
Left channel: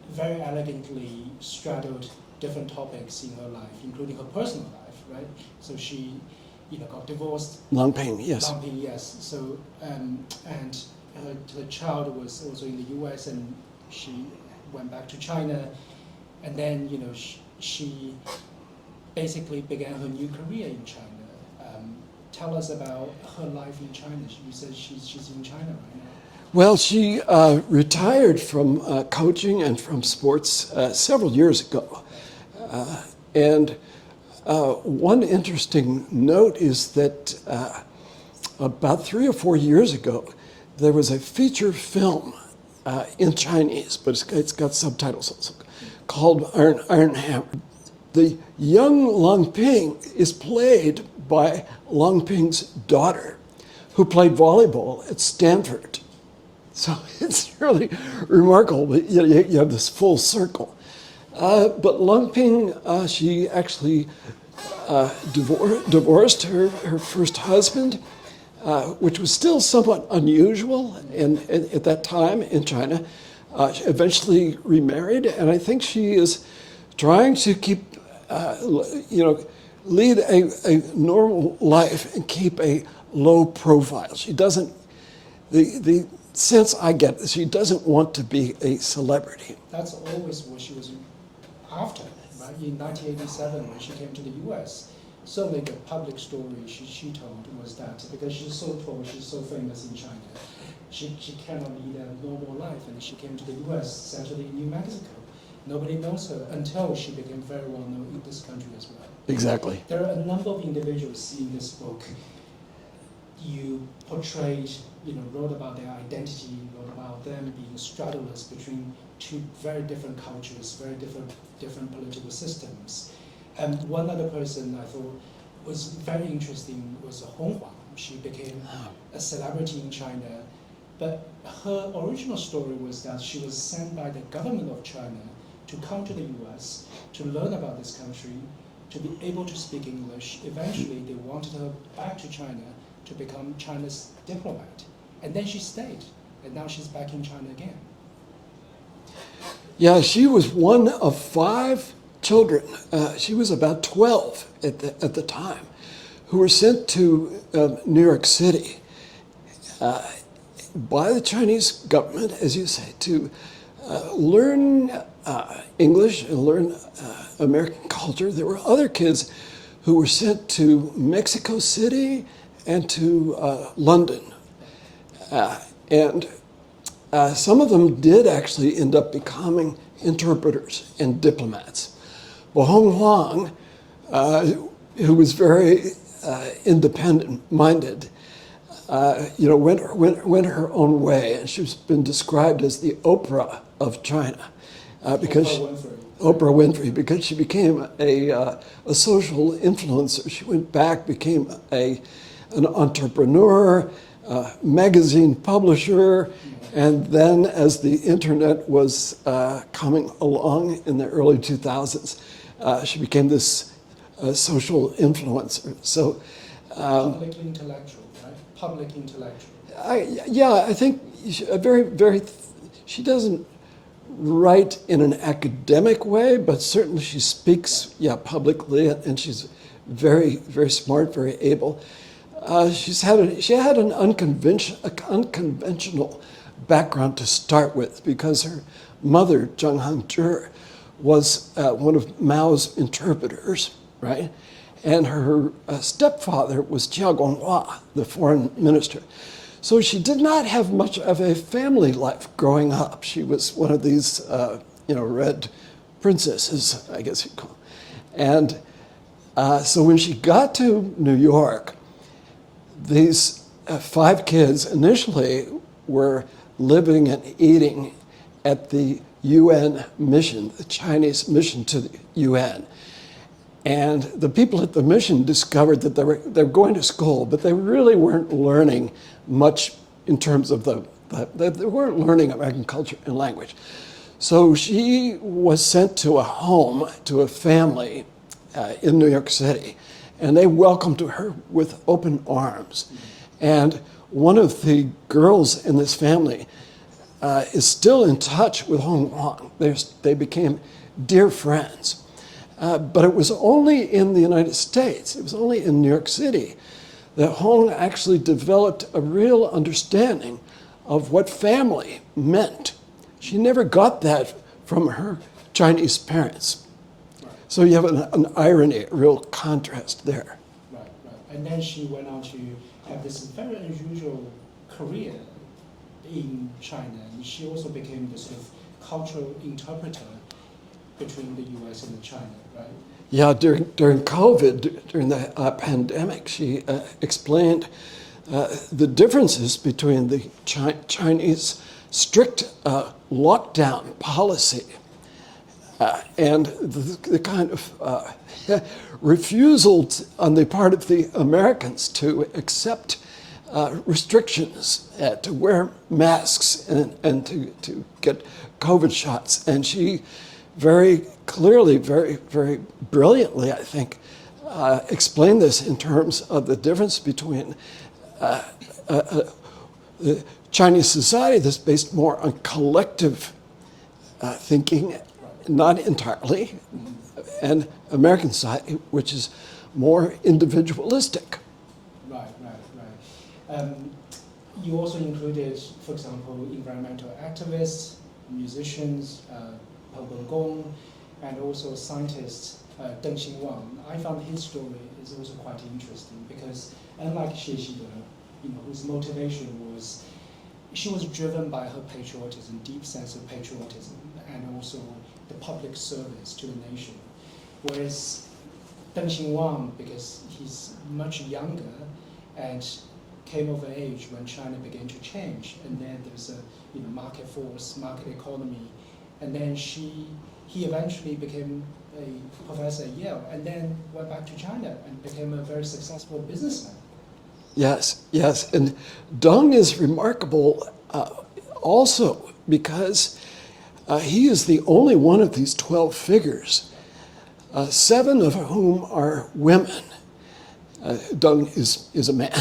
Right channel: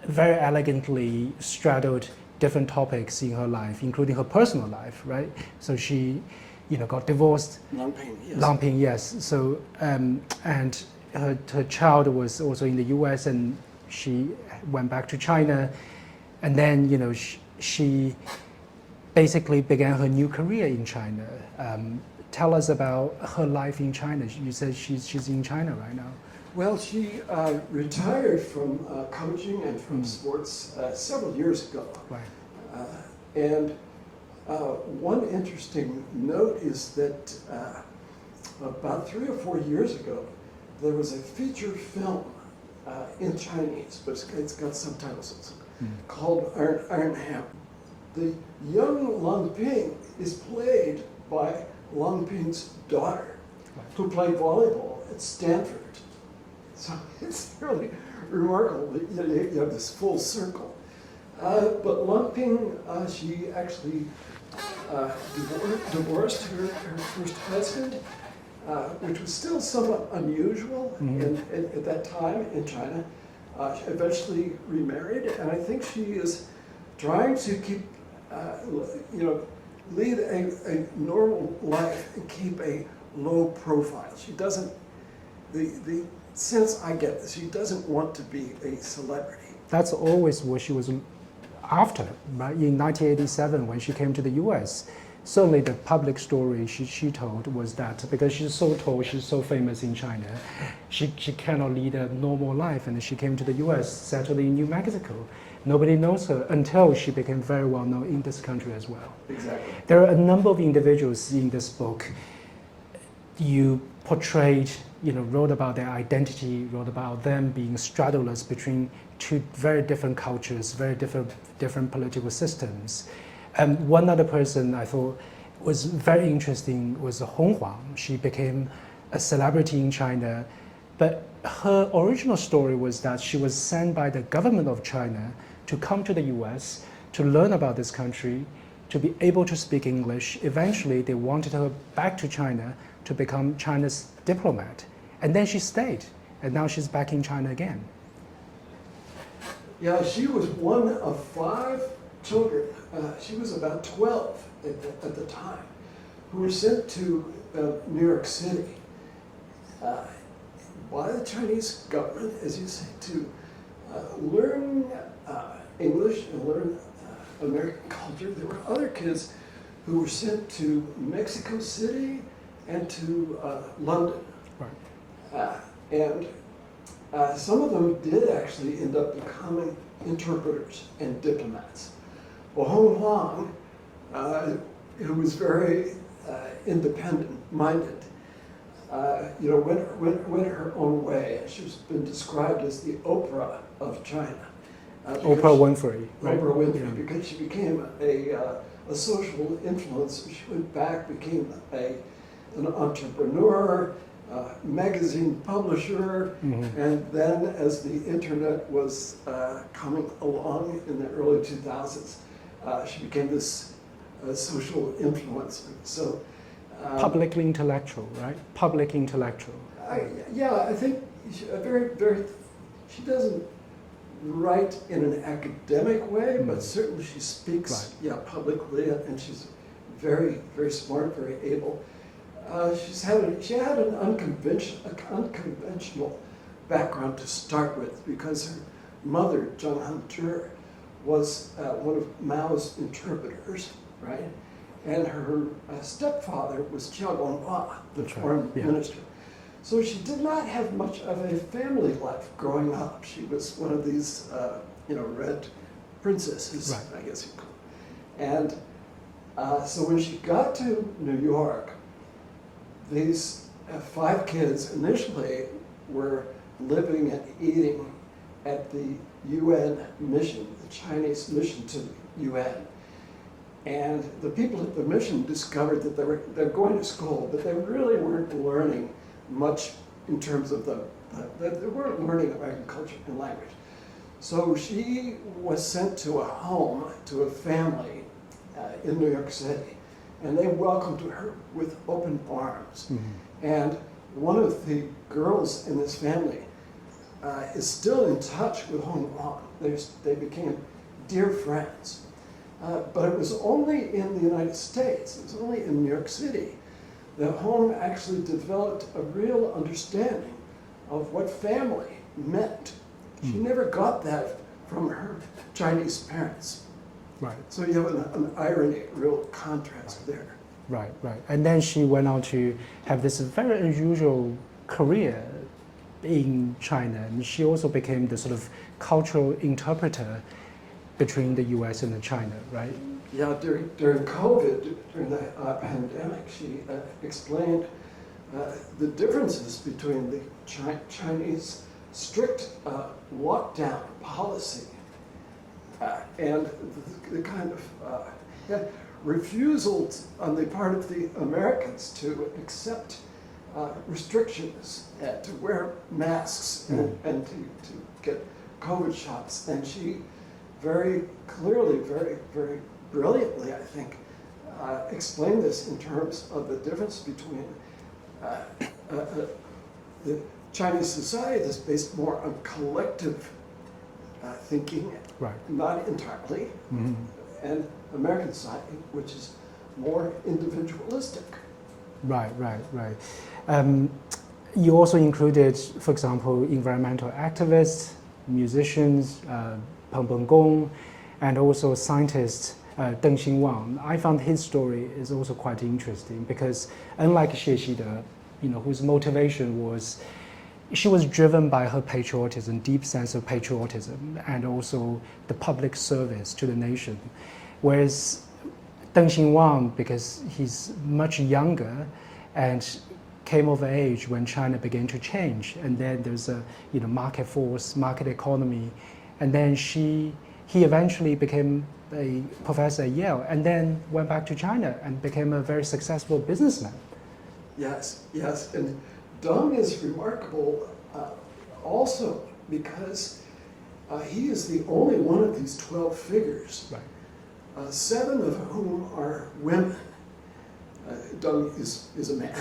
very elegantly straddled different topics in her life, including her personal life, right? So she, got divorced. Lang Ping, yes. Lang Ping, yes. So, and her child was also in the U.S. and she went back to China, and then, she basically began her new career in China. Tell us about her life in China. You said she's in China right now. Well, she retired from coaching and from sports several years ago. Right. And one interesting note is that about 3 or 4 years ago, there was a feature film in Chinese, but it's got subtitles also, called Iron Hammer. The young Lang Ping is played by Lang Ping's daughter, who played volleyball at Stanford. So it's really remarkable. You have this full circle. But Lang Ping, she actually divorced her first husband, which was still somewhat unusual at that time in China. She eventually remarried, and I think she is trying to keep, lead a normal life and keep a low profile. She doesn't, the sense I get is she doesn't want to be a celebrity. That's always what she was after, right? In 1987, when she came to the US, certainly the public story she told was that because she's so tall, she's so famous in China, she cannot lead a normal life, and she came to the US, settled in New Mexico. Nobody knows her until she became very well known in this country as well. Exactly. There are a number of individuals in this book you portrayed, wrote about their identity, wrote about them being straddlers between two very different cultures, very different political systems. And one other person I thought was very interesting was Hong Huang. She became a celebrity in China, but her original story was that she was sent by the government of China to come to the US to learn about this country, to be able to speak English. Eventually, they wanted her back to China to become China's diplomat. And then she stayed, and now she's back in China again. Yeah, she was one of 5 children. She was about 12 at the time, who were sent to New York City by the Chinese government, as you say, to learn English and learn American culture. There were other kids who were sent to Mexico City and to London. And some of them did actually end up becoming interpreters and diplomats. But Hong Huang, who was very independent-minded, went her own way, and she's been described as the Oprah of China. Oprah Winfrey. Oprah Winfrey, because she became a social influencer. She went back, became an entrepreneur, magazine publisher, and then as the internet was coming along in the early 2000s, she became this social influencer. So publicly intellectual, right? Public intellectual. I think she doesn't write in an academic way, but certainly she speaks, publicly, and she's very, very smart, very able. She had an unconventional background to start with, because her mother, Zheng Hangzhi, was one of Mao's interpreters, right? And her stepfather was Jiao Guanghua, the foreign minister. So she did not have much of a family life growing up. She was one of these, red princesses, right, I guess you'd call them. And so when she got to New York, these 5 kids initially were living and eating at the UN mission, the Chinese mission to the UN. And the people at the mission discovered that they were going to school, but they really weren't learning much in terms of they weren't learning American culture and language. So she was sent to a home, to a family in New York City, and they welcomed her with open arms. And one of the girls in this family is still in touch with Hong Wang. They became dear friends. But it was only in the United States, it was only in New York City, that Hong actually developed a real understanding of what family meant. She never got that from her Chinese parents. Right. So you have an irony, a real contrast there. Right, right. And then she went on to have this very unusual career in China. And she also became the sort of cultural interpreter between the US and China, right? Yeah, during COVID, during the pandemic, she explained the differences between the Chinese strict lockdown policy and the kind of refusal on the part of the Americans to accept restrictions, to wear masks and to get COVID shots. And she very clearly, very brilliantly, I think, explained this in terms of the difference between the Chinese society that's based more on collective thinking, Right. not entirely, and American society, which is more individualistic. Right, right, right. You also included, for example, environmental activists, musicians, Peng Gong, and also scientist Deng Xinwang. I found his story is also quite interesting because unlike Xie Xide, whose motivation was, she was driven by her patriotism, deep sense of patriotism, and also the public service to the nation. Whereas Deng Xinwang, because he's much younger and came of age when China began to change, and then there's a market force, market economy, and then he eventually became a professor at Yale, and then went back to China and became a very successful businessman. Yes, yes, and Deng is remarkable also because he is the only one of these 12 figures, 7 of whom are women. Deng is a man.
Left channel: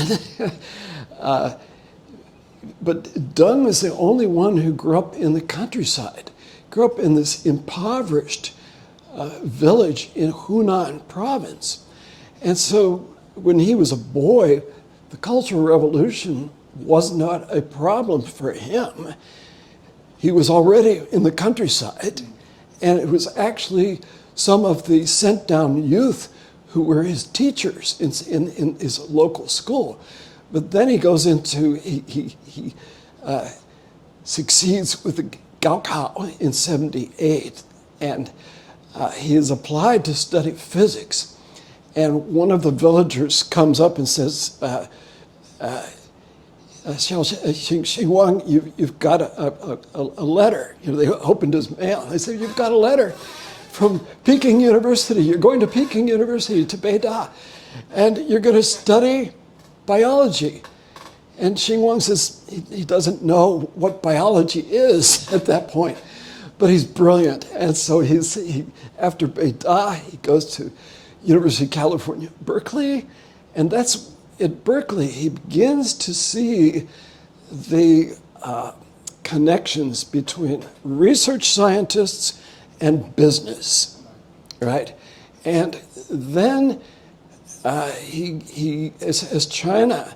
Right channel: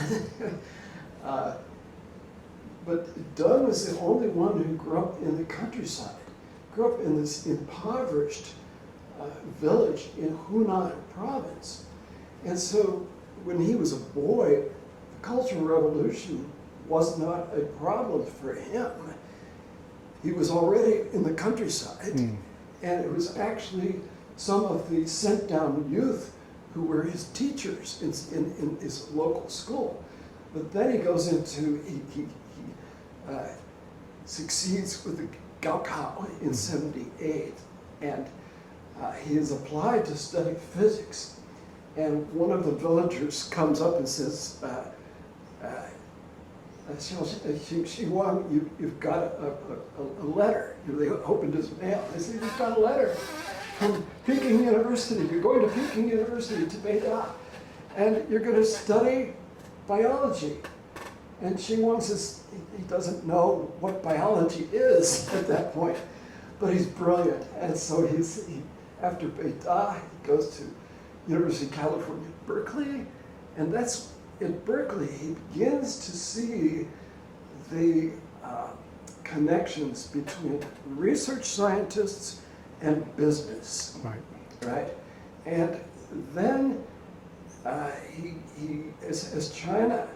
But Deng is the only one who grew up in the countryside, grew up in this impoverished village in Hunan province. And so when he was a boy, the Cultural Revolution was not a problem for him. He was already in the countryside, and it was actually some of the sent down youth who were his teachers in his local school. But then he goes into, he succeeds with the Gaokao in 78, and he is applied to study physics. And one of the villagers comes up and says, Xinwang, you've got a letter. They opened his mail. They said, you've got a letter from Peking University. You're going to Peking University, to Beida, and you're going to study biology. And Xinwang says he doesn't know what biology is at that point, but he's brilliant. And so after Beida, he goes to University of California, Berkeley, and that's at Berkeley he begins to see the connections between research scientists and business, right? And then as China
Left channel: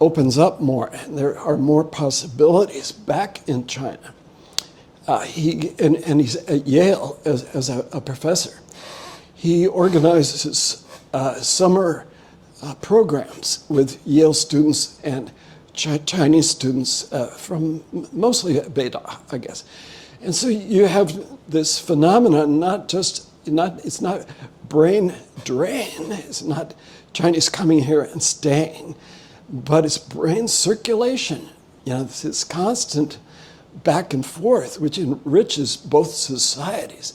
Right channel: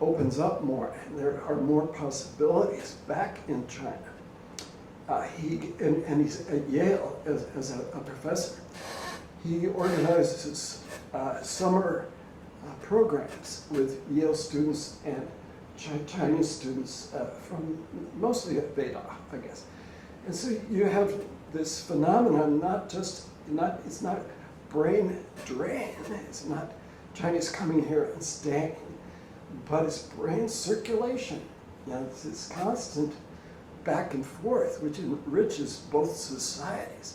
opens up more, and there are more possibilities back in China, he's at Yale as a professor. He organizes summer programs with Yale students and Chinese students from mostly Beida, I guess. And so you have this phenomenon, it's not brain drain, it's not Chinese coming here and staying, but it's brain circulation. It's this constant back and forth, which enriches both societies.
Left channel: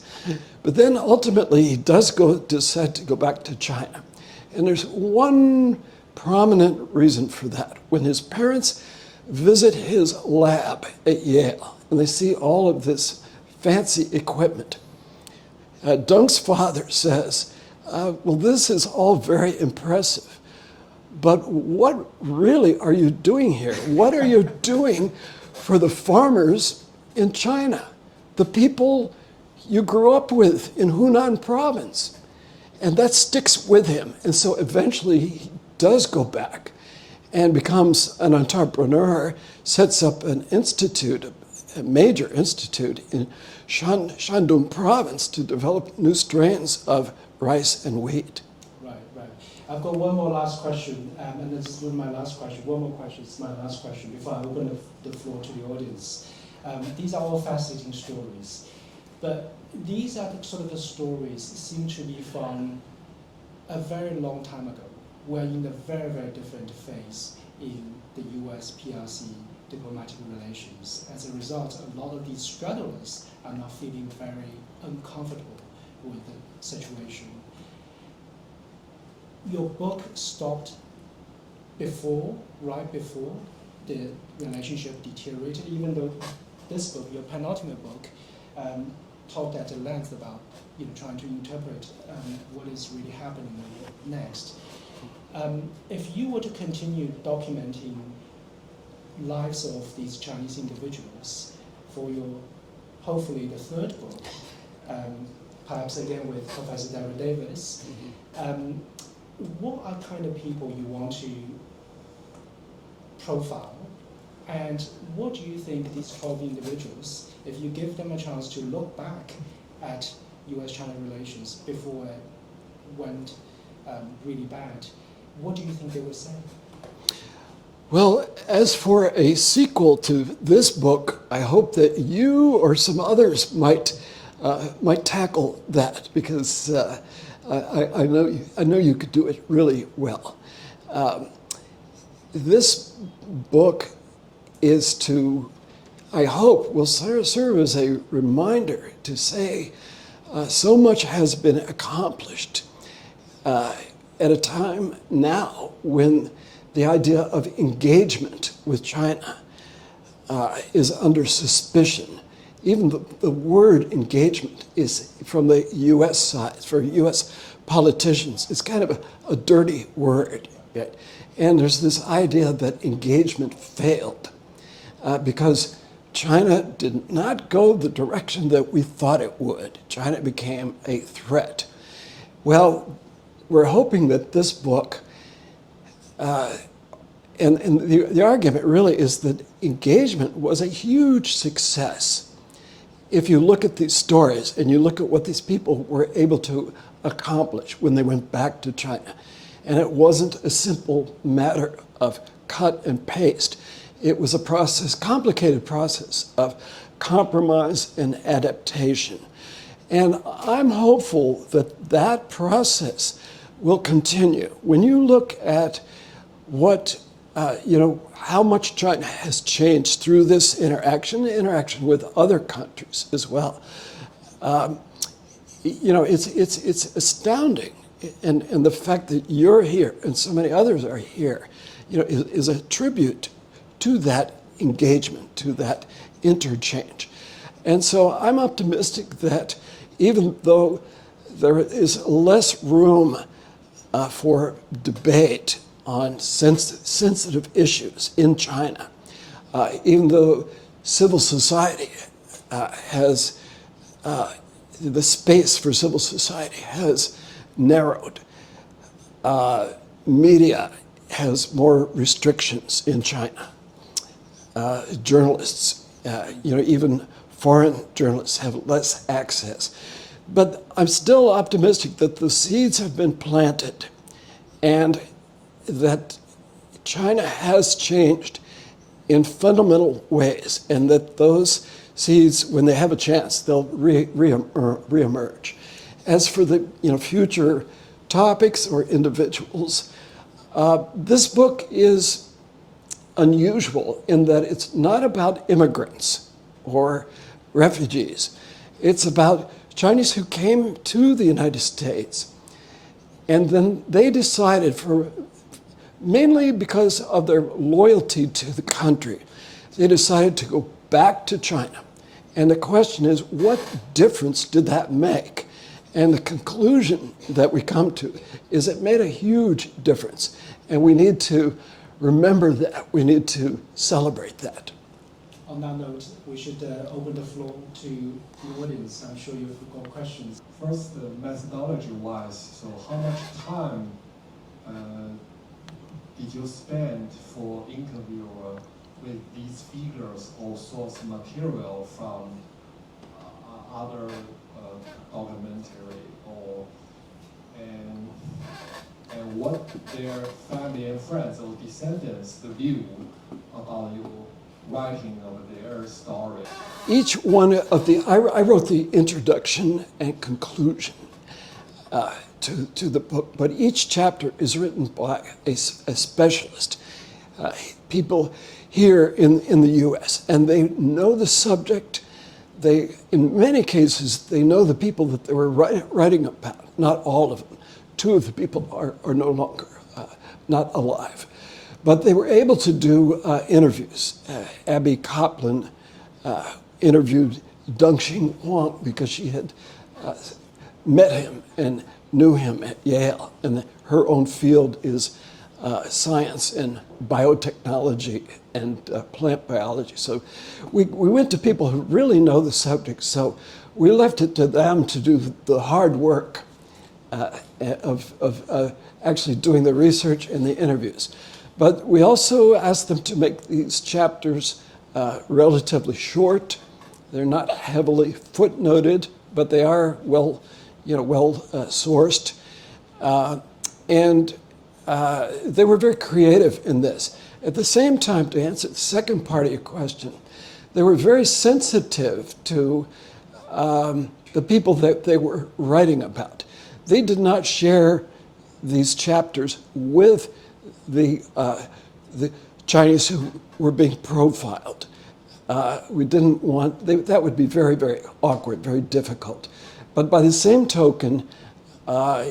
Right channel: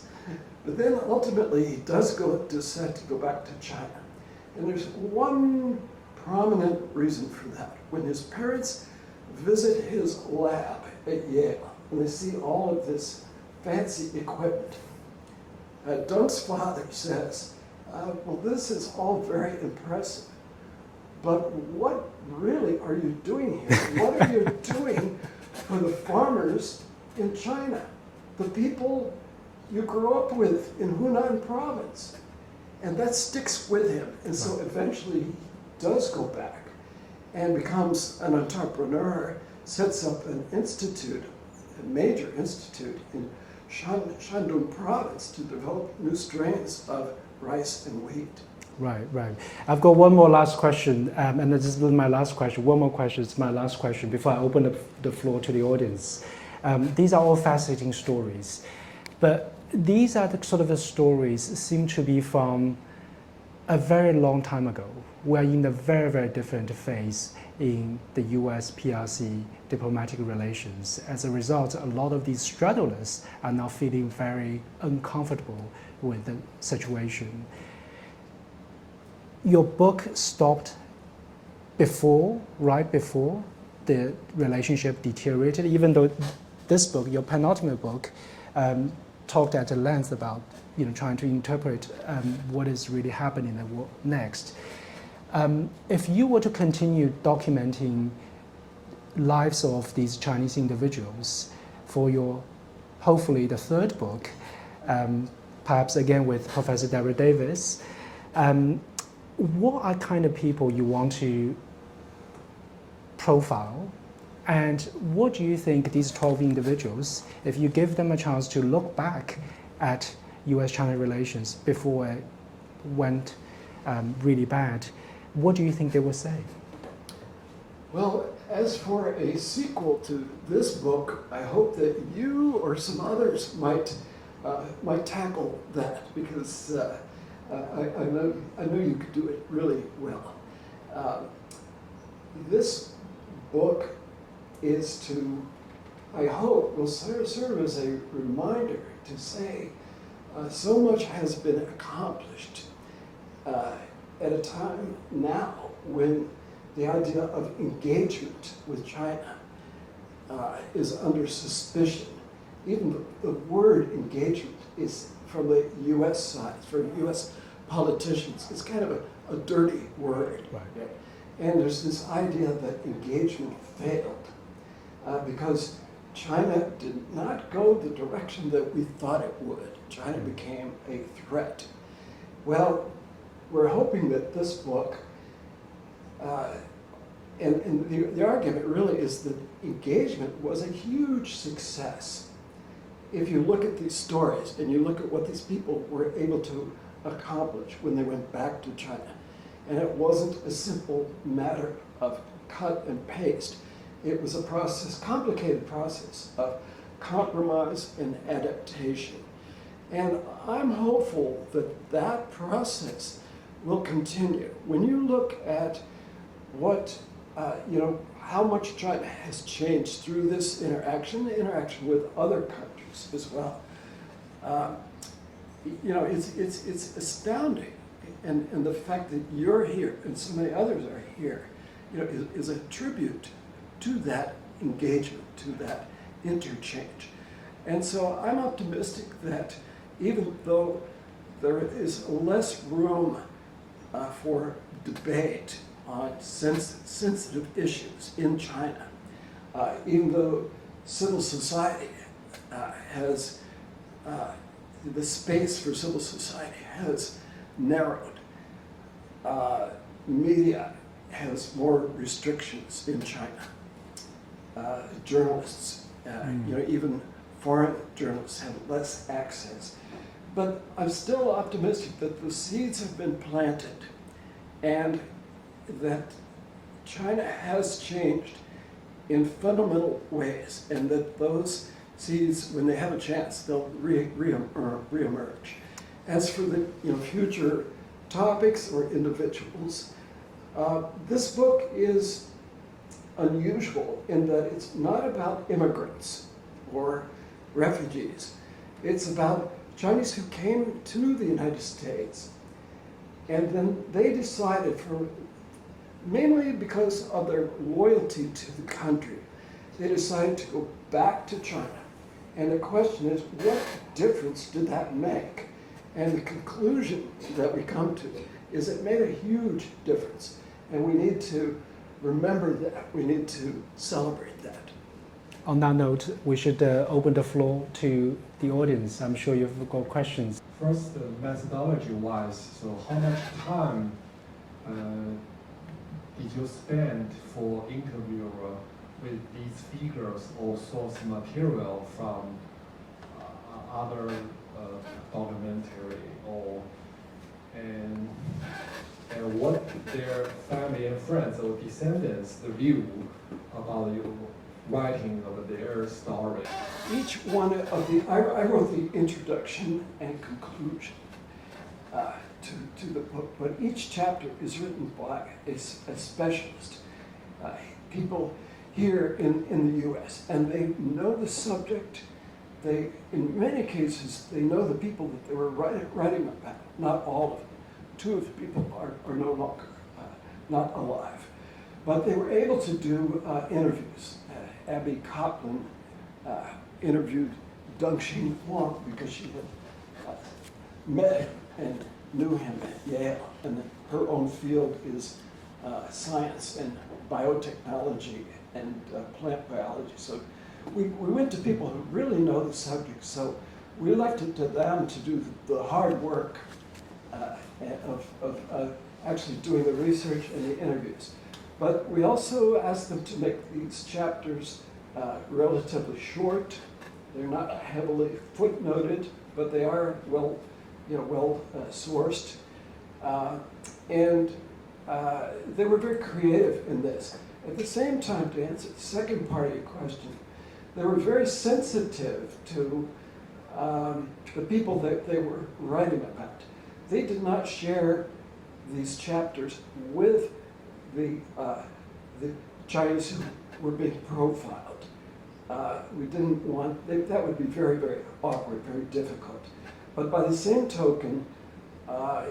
But then ultimately he does decide to go back to China. And there's one prominent reason for that. When his parents visit his lab at Yale, and they see all of this fancy equipment, Deng's father says, well, this is all very impressive. But what really are you doing here? What are you doing for the farmers in China, the people you grew up with in Hunan province? And that sticks with him. And so eventually he does go back and becomes an entrepreneur, sets up an institute, a major institute in Shandong province to develop new strains of rice and wheat. Right, right. I've got one more last question, and this is my last question. One more question, it's my last question before I open up the floor to the audience. These are all fascinating stories, but these are the sort of the stories seem to be from a very long time ago. We're in a very, very different phase in the US PRC diplomatic relations. As a result, a lot of these straddlers are now feeling very uncomfortable with the situation. Your book stopped right before the relationship deteriorated, even though this book, your penultimate book, talked at length about trying to interpret what is really happening in the world next. If you were to continue documenting lives of these Chinese individuals for your, hopefully, the third book, perhaps again with Professor Deborah Davis, what are kind of people you want to profile, and what do you think these 12 individuals, if you give them a chance to look back at US-China relations before it went really bad, what do you think they will say? Well, as for a sequel to this book, I hope that you or some others might tackle that, because I know you could do it really well. This book is to, I hope, will serve as a reminder to say so much has been accomplished at a time now when the idea of engagement with China is under suspicion. Even the word engagement is, from the US side, for US politicians, it's kind of a dirty word. Right? And there's this idea that engagement failed because China did not go the direction that we thought it would. China became a threat. Well, we're hoping that this book, and the argument really is that engagement was a huge success. If you look at these stories and you look at what these people were able to accomplish when they went back to China, and it wasn't a simple matter of cut and paste. It was a process, complicated process of compromise and adaptation. And I'm hopeful that that process will continue. When you look at what, how much China has changed through this interaction with other countries as well, it's astounding. And the fact that you're here and so many others are here, is a tribute to that engagement, to that interchange. And so I'm optimistic that even though there is less room for debate on sensitive issues in China, even though civil society has, the space for civil society has narrowed. Media has more restrictions in China. Journalists, even foreign journalists have less access. But I'm still optimistic that the seeds have been planted and that China has changed in fundamental ways, and that those seeds, when they have a chance, they'll reemerge. As for the future topics or individuals, this book is unusual in that it's not about immigrants or refugees. It's about Chinese who came to the United States, and then they decided, mainly because of their loyalty to the country, they decided to go back to China. And the question is, what difference did that make? And the conclusion that we come to is it made a huge difference. And we need to remember that. We need to celebrate that. On that note, we should open the floor to the audience. I'm sure you've got questions. First, methodology-wise, so how much time did you spend for interview with these figures or source material from other documentary and what their family and friends or descendants the view about you writing of their story? Each one of I wrote the introduction and conclusion to the book, but each chapter is written by a specialist, people here in the U.S., and they know the subject. They, in many cases, they know the people that they were writing about, not all of them. Two of the people are no longer not alive. But they were able to do interviews. Abby Copland interviewed Deng-Xing Huang because she had met him and knew him at Yale. And her own field is science and biotechnology and plant biology. So we went to people who really know the subject. So we left it to them to do the hard work of actually doing the research and the interviews. But we also asked them to make these chapters relatively short. They're not heavily footnoted, but they are well sourced. And they were very creative in this. At the same time, to answer the second part of your question, they were very sensitive to the people that they were writing about. They did not share these chapters with the Chinese who were being profiled. We didn't want, that would be very, very awkward, very difficult. But by the same token,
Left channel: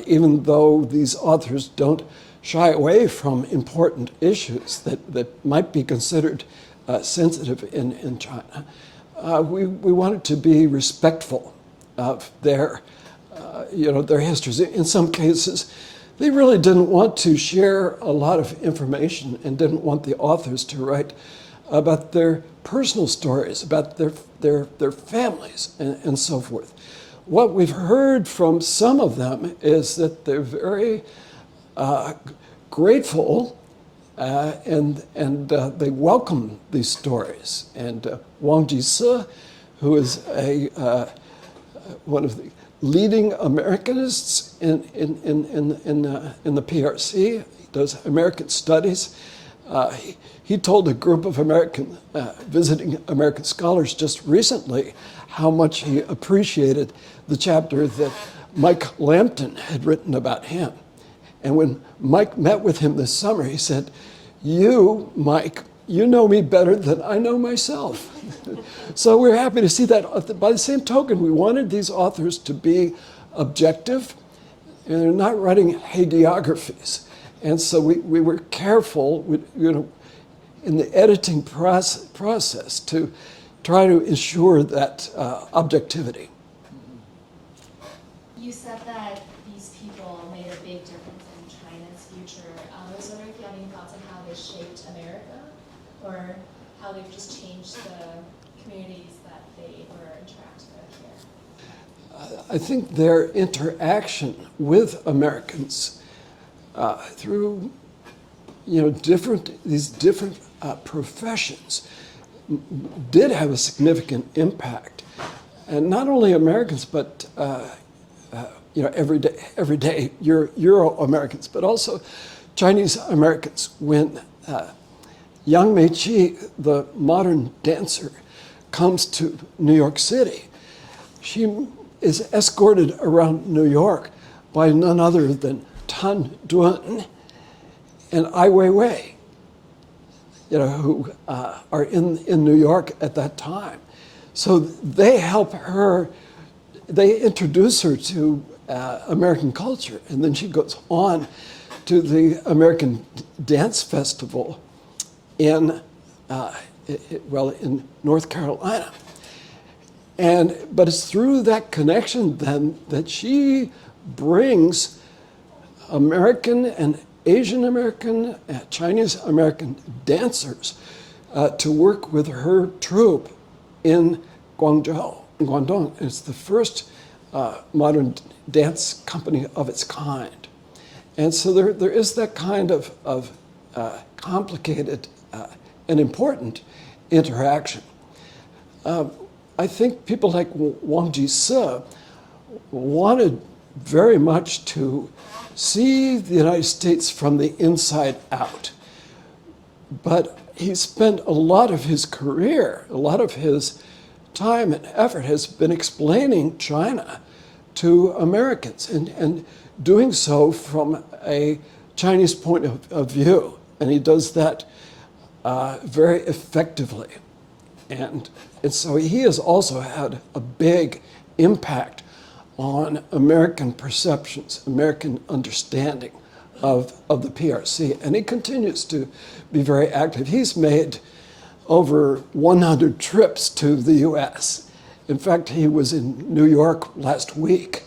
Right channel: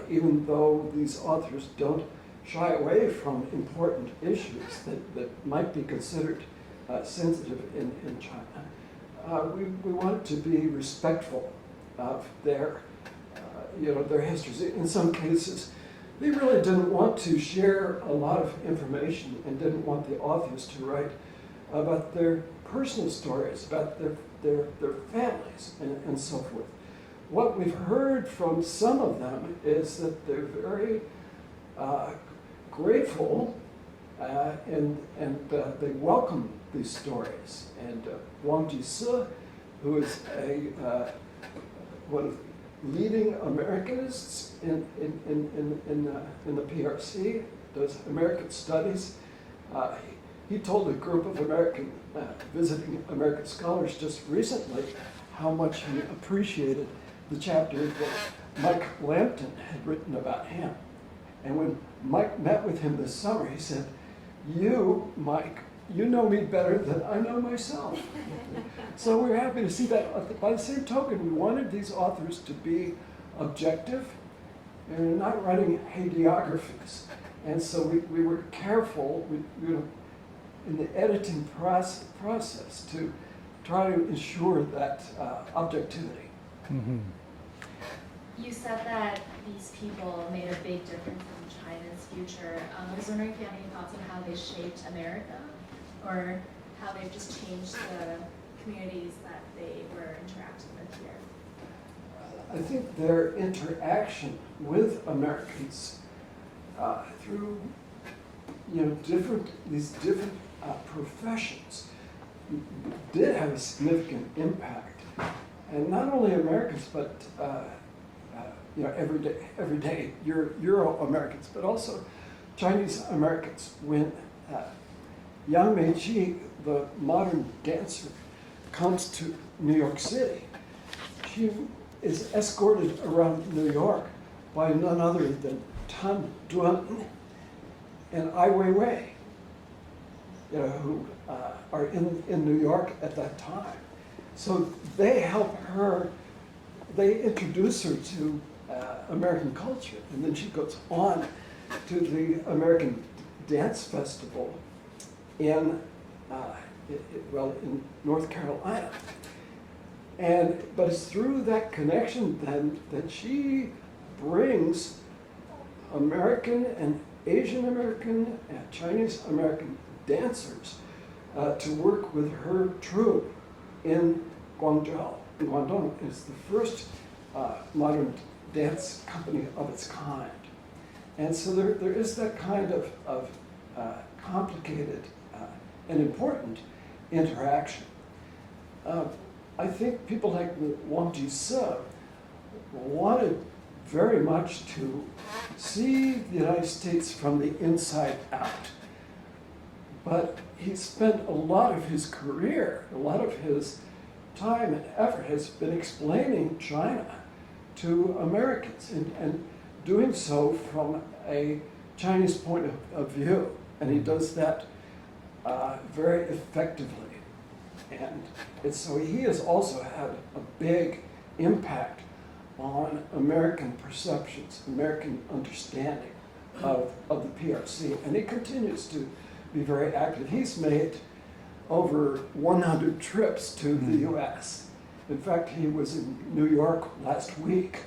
even though these authors don't shy away from important issues that might be considered sensitive in China, we wanted to be respectful of their histories. In some cases, they really didn't want to share a lot of information and didn't want the authors to write about their personal stories, about their families and so forth. What we've heard from some of them is that they're very grateful and they welcome these stories. And Wang Jise, who is one of the leading Americanists in the PRC, does American studies. He told a group of visiting American scholars just recently how much he appreciated the chapter that Mike Lampton had written about him. And when Mike met with him this summer, he said, "You, Mike, you know me better than I know myself." So we're happy to see that. By the same token, we wanted these authors to be objective, and they're not writing hagiographies. And so we were careful, in the editing process to try to ensure that objectivity. Mm-hmm. You said that these people made a big difference in China's future. I was wondering if you had any thoughts on how they shaped America, or how they've just changed the communities that they were interacting with here. I think their interaction with Americans through these different professions did have a significant impact, and not only Americans, but everyday Euro-Americans, but also Chinese Americans. When Yang Meiqi, the modern dancer, comes to New York City, she is escorted around New York by none other than Tan Duan and Ai Weiwei, who are in New York at that time. So they help her, they introduce her to American culture, and then she goes on to the American Dance Festival in North Carolina. But it's through that connection then that she brings American and Asian American, Chinese American dancers to work with her troupe in Guangzhou, in Guangdong. It's the first modern dance company of its kind. And so there is that kind of complicated and important interaction. I think people like Wang Jise wanted very much to see the United States from the inside out. But he spent a lot of his career, a lot of his time and effort has been explaining China to Americans and doing so from a Chinese point of view. And he does that very effectively. And so he has also had a big impact on American perceptions, American understanding of the PRC. And he continues to be very active. He's made over 100 trips to the US. In fact, he was in New York last week.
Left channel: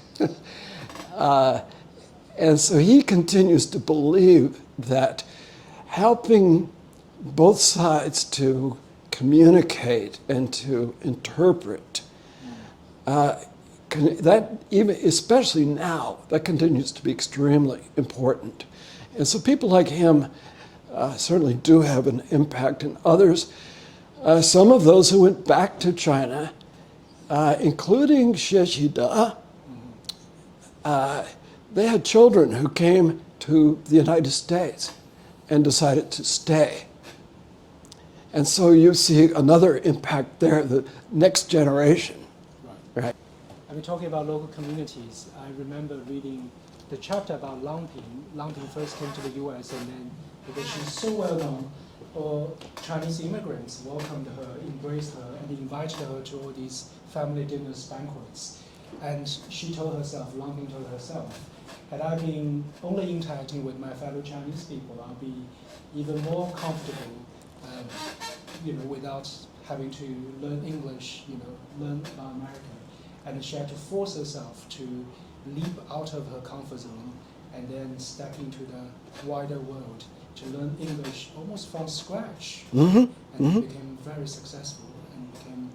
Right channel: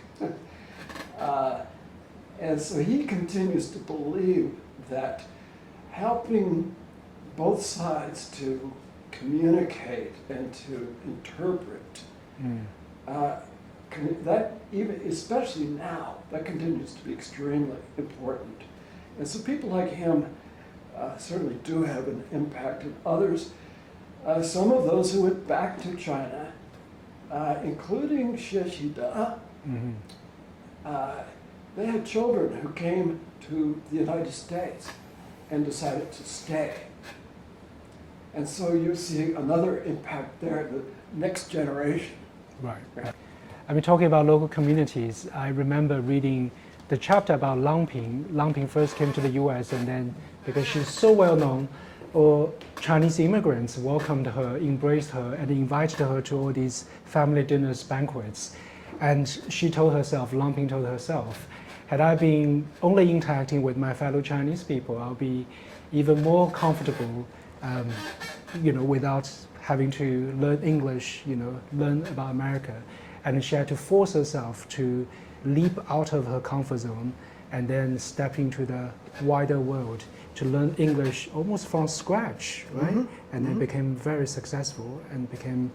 And so he continues to believe that helping both sides to communicate and to interpret, that even, especially now, that continues to be extremely important. And so people like him certainly do have an impact, and others, some of those who went back to China, including Xie Xida, they had children who came to the United States and decided to stay. And so you see another impact there, the next generation. Right. I mean, talking about local communities, I remember reading the chapter about Lang Ping. Lang Ping first came to the US, and then because she's so well known, all Chinese immigrants welcomed her, embraced her, and invited her to all these family dinners, banquets. And she told herself, Lang Ping told herself, had I been only interacting with my fellow Chinese people, I'll be even more comfortable, without having to learn English, learn about America. And she had to force herself to leap out of her comfort zone and then step into the wider world to learn English almost from scratch, right? And became very successful and became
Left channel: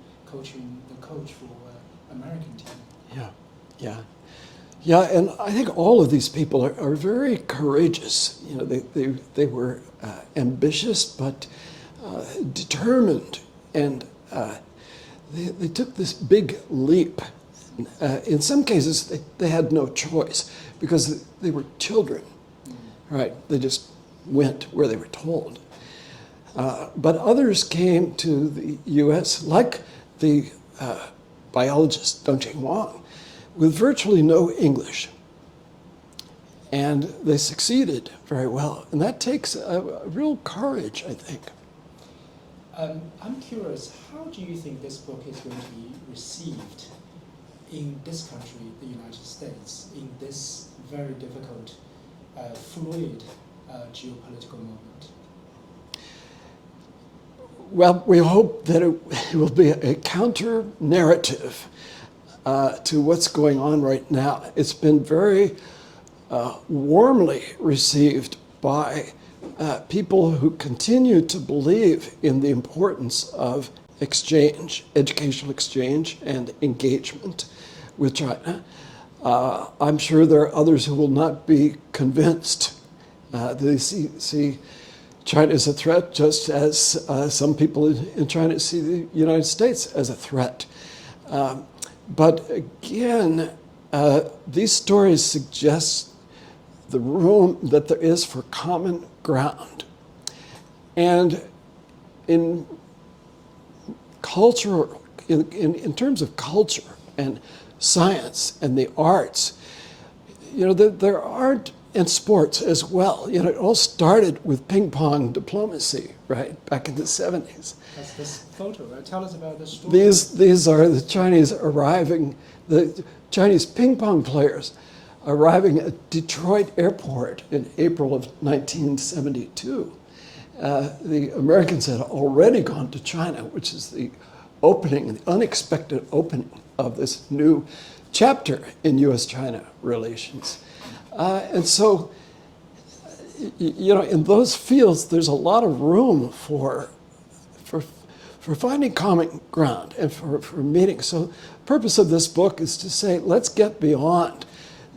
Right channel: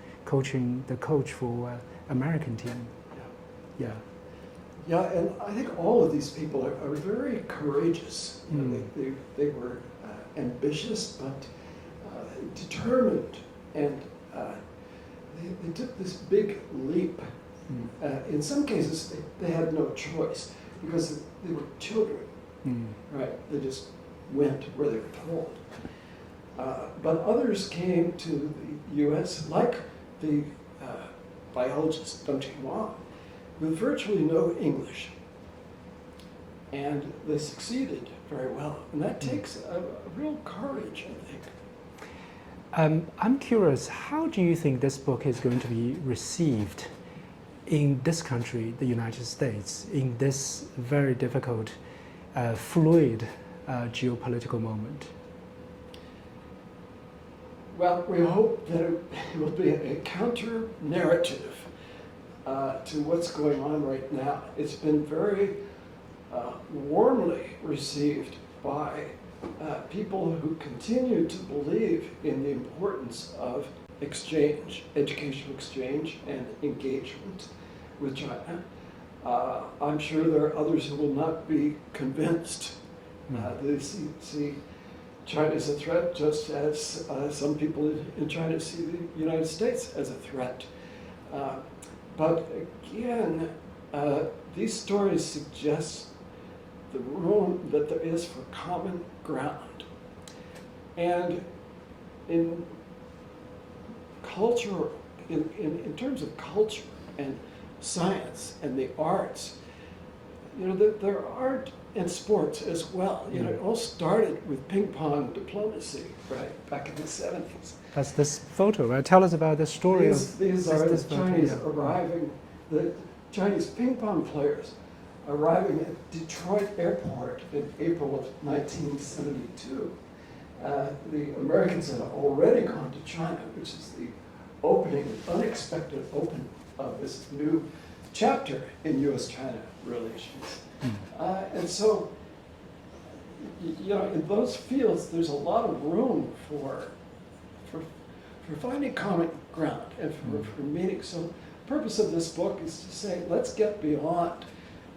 the coach for American team. Yeah, and I think all of these people are very courageous. They were ambitious but determined, and they took this big leap. In some cases, they had no choice because they were children, right? They just went where they were told. But others came to the U.S., like the biologist Deng Wang, with virtually no English. And they succeeded very well. And that takes a real courage, I think. I'm curious, how do you think this book is going to be received in this country, the United States, in this very difficult, fluid geopolitical moment? Well, we hope that it will be a counter-narrative to what's going on right now. It's been very warmly received by people who continue to believe in the importance of exchange, educational exchange, and engagement with China. I'm sure there are others who will not be convinced. They see China as a threat, just as some people in China see the United States as a threat. But again, these stories suggest the room that there is for common ground. And in culture, in terms of culture and science and the arts, there aren't, and sports as well. It all started with ping pong diplomacy, right, back in the 70s. That's this photo, right? Tell us about this story. These are the Chinese arriving, the Chinese ping pong players arriving at Detroit Airport in April of 1972. The Americans had already gone to China, which is the opening, an unexpected opening of this new chapter in U.S.-China relations. And so, in those fields, there's a lot of room for finding common ground and for meeting. So the purpose of this book is to say, let's get beyond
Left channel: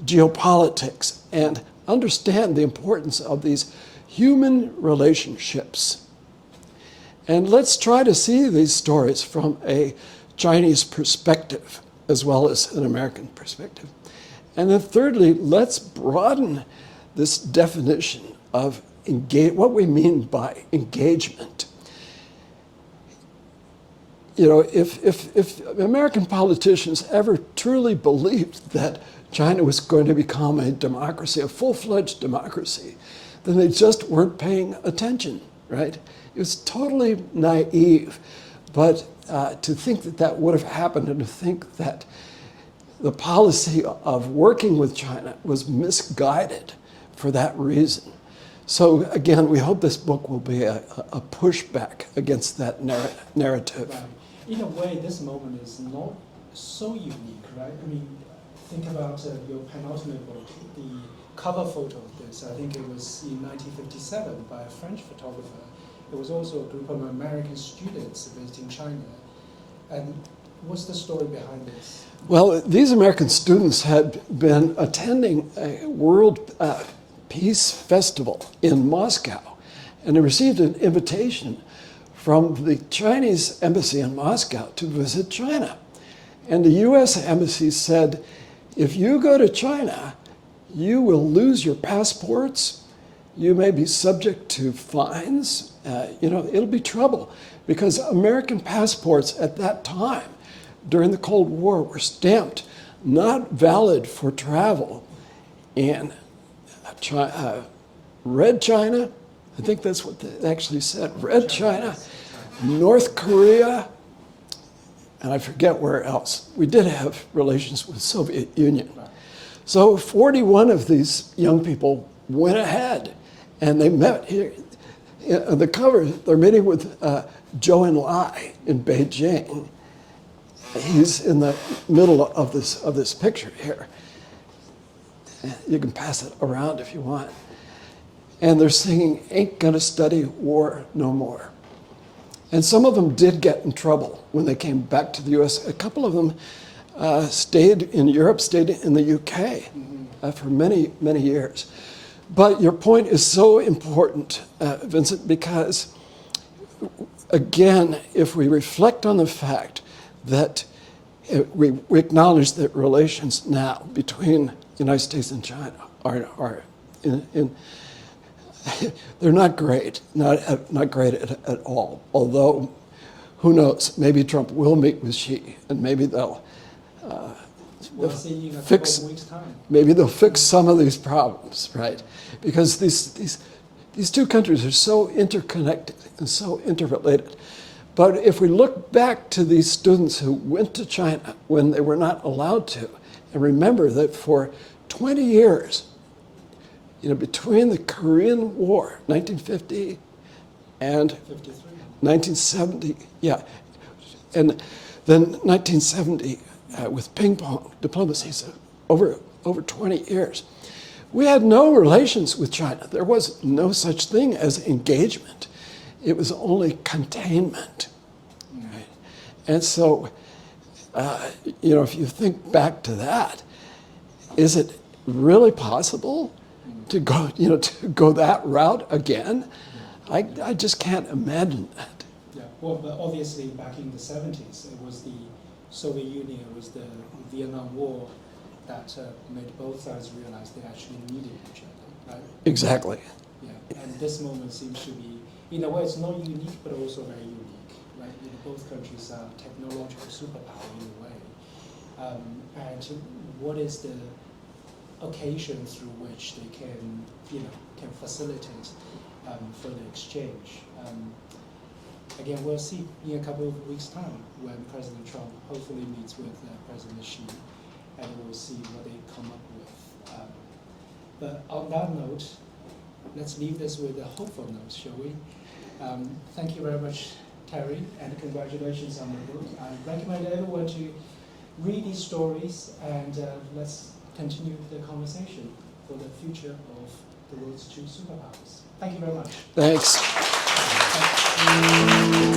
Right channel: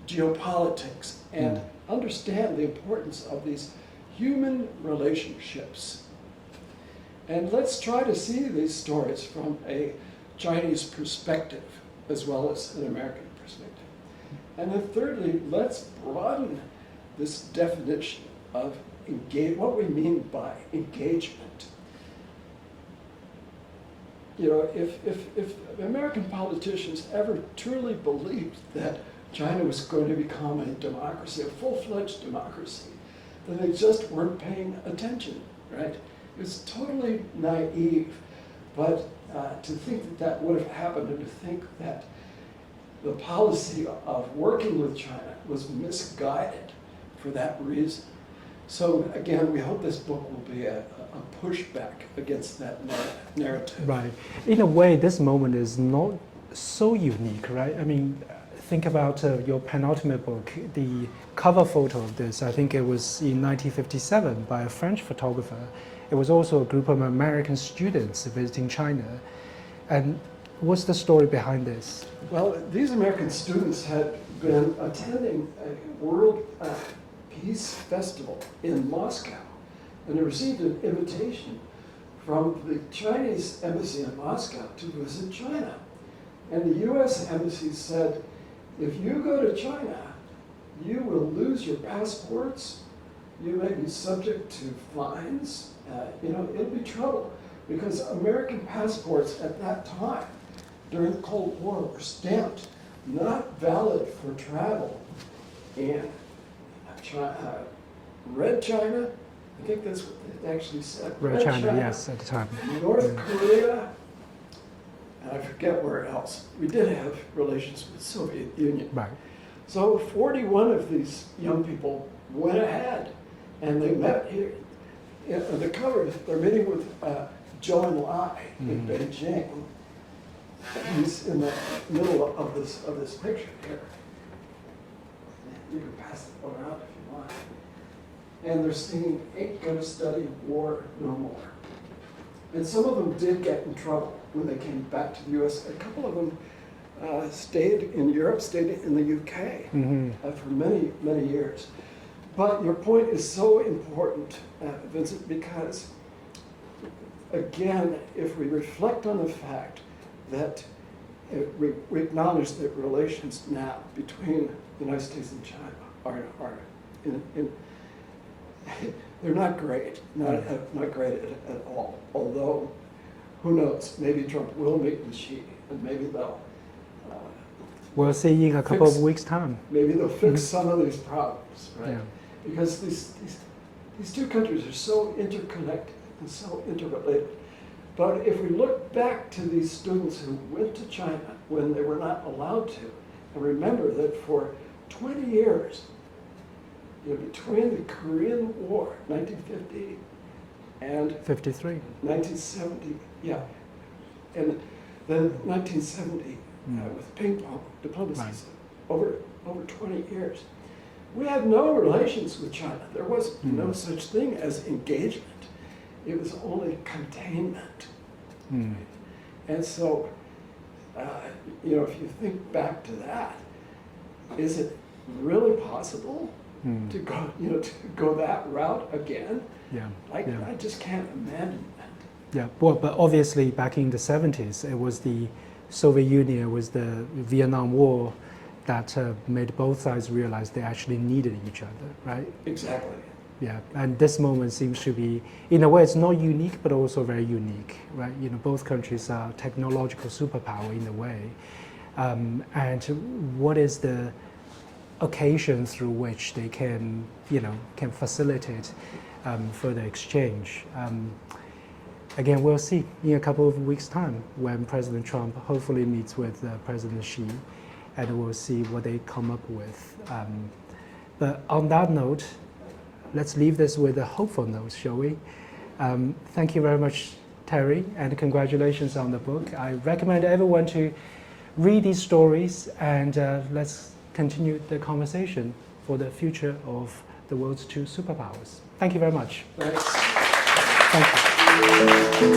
geopolitics and understand the importance of these human relationships. And let's try to see these stories from a Chinese perspective as well as an American perspective. And then thirdly, let's broaden this definition of what we mean by engagement. If American politicians ever truly believed that China was going to become a democracy, a full-fledged democracy, then they just weren't paying attention, right? It was totally naive. But to think that that would have happened and to think that the policy of working with China was misguided for that reason. So again, we hope this book will be a pushback against that narrative. Right. In a way, this moment is not so unique, right? I mean, think about your penultimate book, the cover photo of this. I think it was in 1957 by a French photographer. It was also a group of American students visiting China. And what's the story behind this? Well, these American students had been attending a World Peace Festival in Moscow, and they received an invitation from the Chinese embassy in Moscow to visit China. And the US embassy said, if you go to China, you will lose your passports, you may be subject to fines, it'll be trouble. Because American passports at that time, during the Cold War, were stamped not valid for travel in Red China, I think that's what they actually said, Red China, yes, at the time. North Korea, and I forget where else. We did have relations with the Soviet Union. Right. So 41 of these young people went ahead, and they met here. On the cover, they're meeting with Zhou Enlai in Beijing. He's in the middle of this picture here. You can pass it around if you want. And they're singing, "Ain't Gonna Study War No More." And some of them did get in trouble when they came back to the US. A couple of them stayed in Europe, stayed in the UK for many, many years. But your point is so important, Vincent, because again, if we reflect on the fact that we acknowledge that relations now between the United States and China are they're not great, not great at all. Although, who knows? Maybe Trump will meet with Xi, and maybe they'll. We'll see in a couple of weeks' time. Maybe they'll fix some of these problems, right? Yeah. Because these two countries are so interconnected and so interrelated. But if we look back to these students who went to China when they were not allowed to, and remember that for 20 years, between the Korean War, 1950, and 53. 1970, and then 1970 with ping pong diplomacy, so over 20 years. We had no relations with China. There was no such thing as engagement. It was only containment. Right? And so, if you think back to that, is it really possible to go that route again? I just can't imagine that. Yeah, well, but obviously back in the 70s, it was the Soviet Union, it was the Vietnam War that made both sides realize they actually needed each other, right? Exactly. Yeah, and this moment seems to be, in a way, it's not unique, but also very unique, right? Both countries are technological superpower in a way. And what is the occasion through which they can facilitate further exchange? Again, we'll see in a couple of weeks' time when President Trump hopefully meets with President Xi, and we'll see what they come up with. But on that note, let's leave this with a hopeful note, shall we? Thank you very much, Terry, and congratulations on the book. I recommend everyone to read these stories, and let's continue the conversation for the future of the world's two superpowers. Thank you very much. Thanks. Thank you.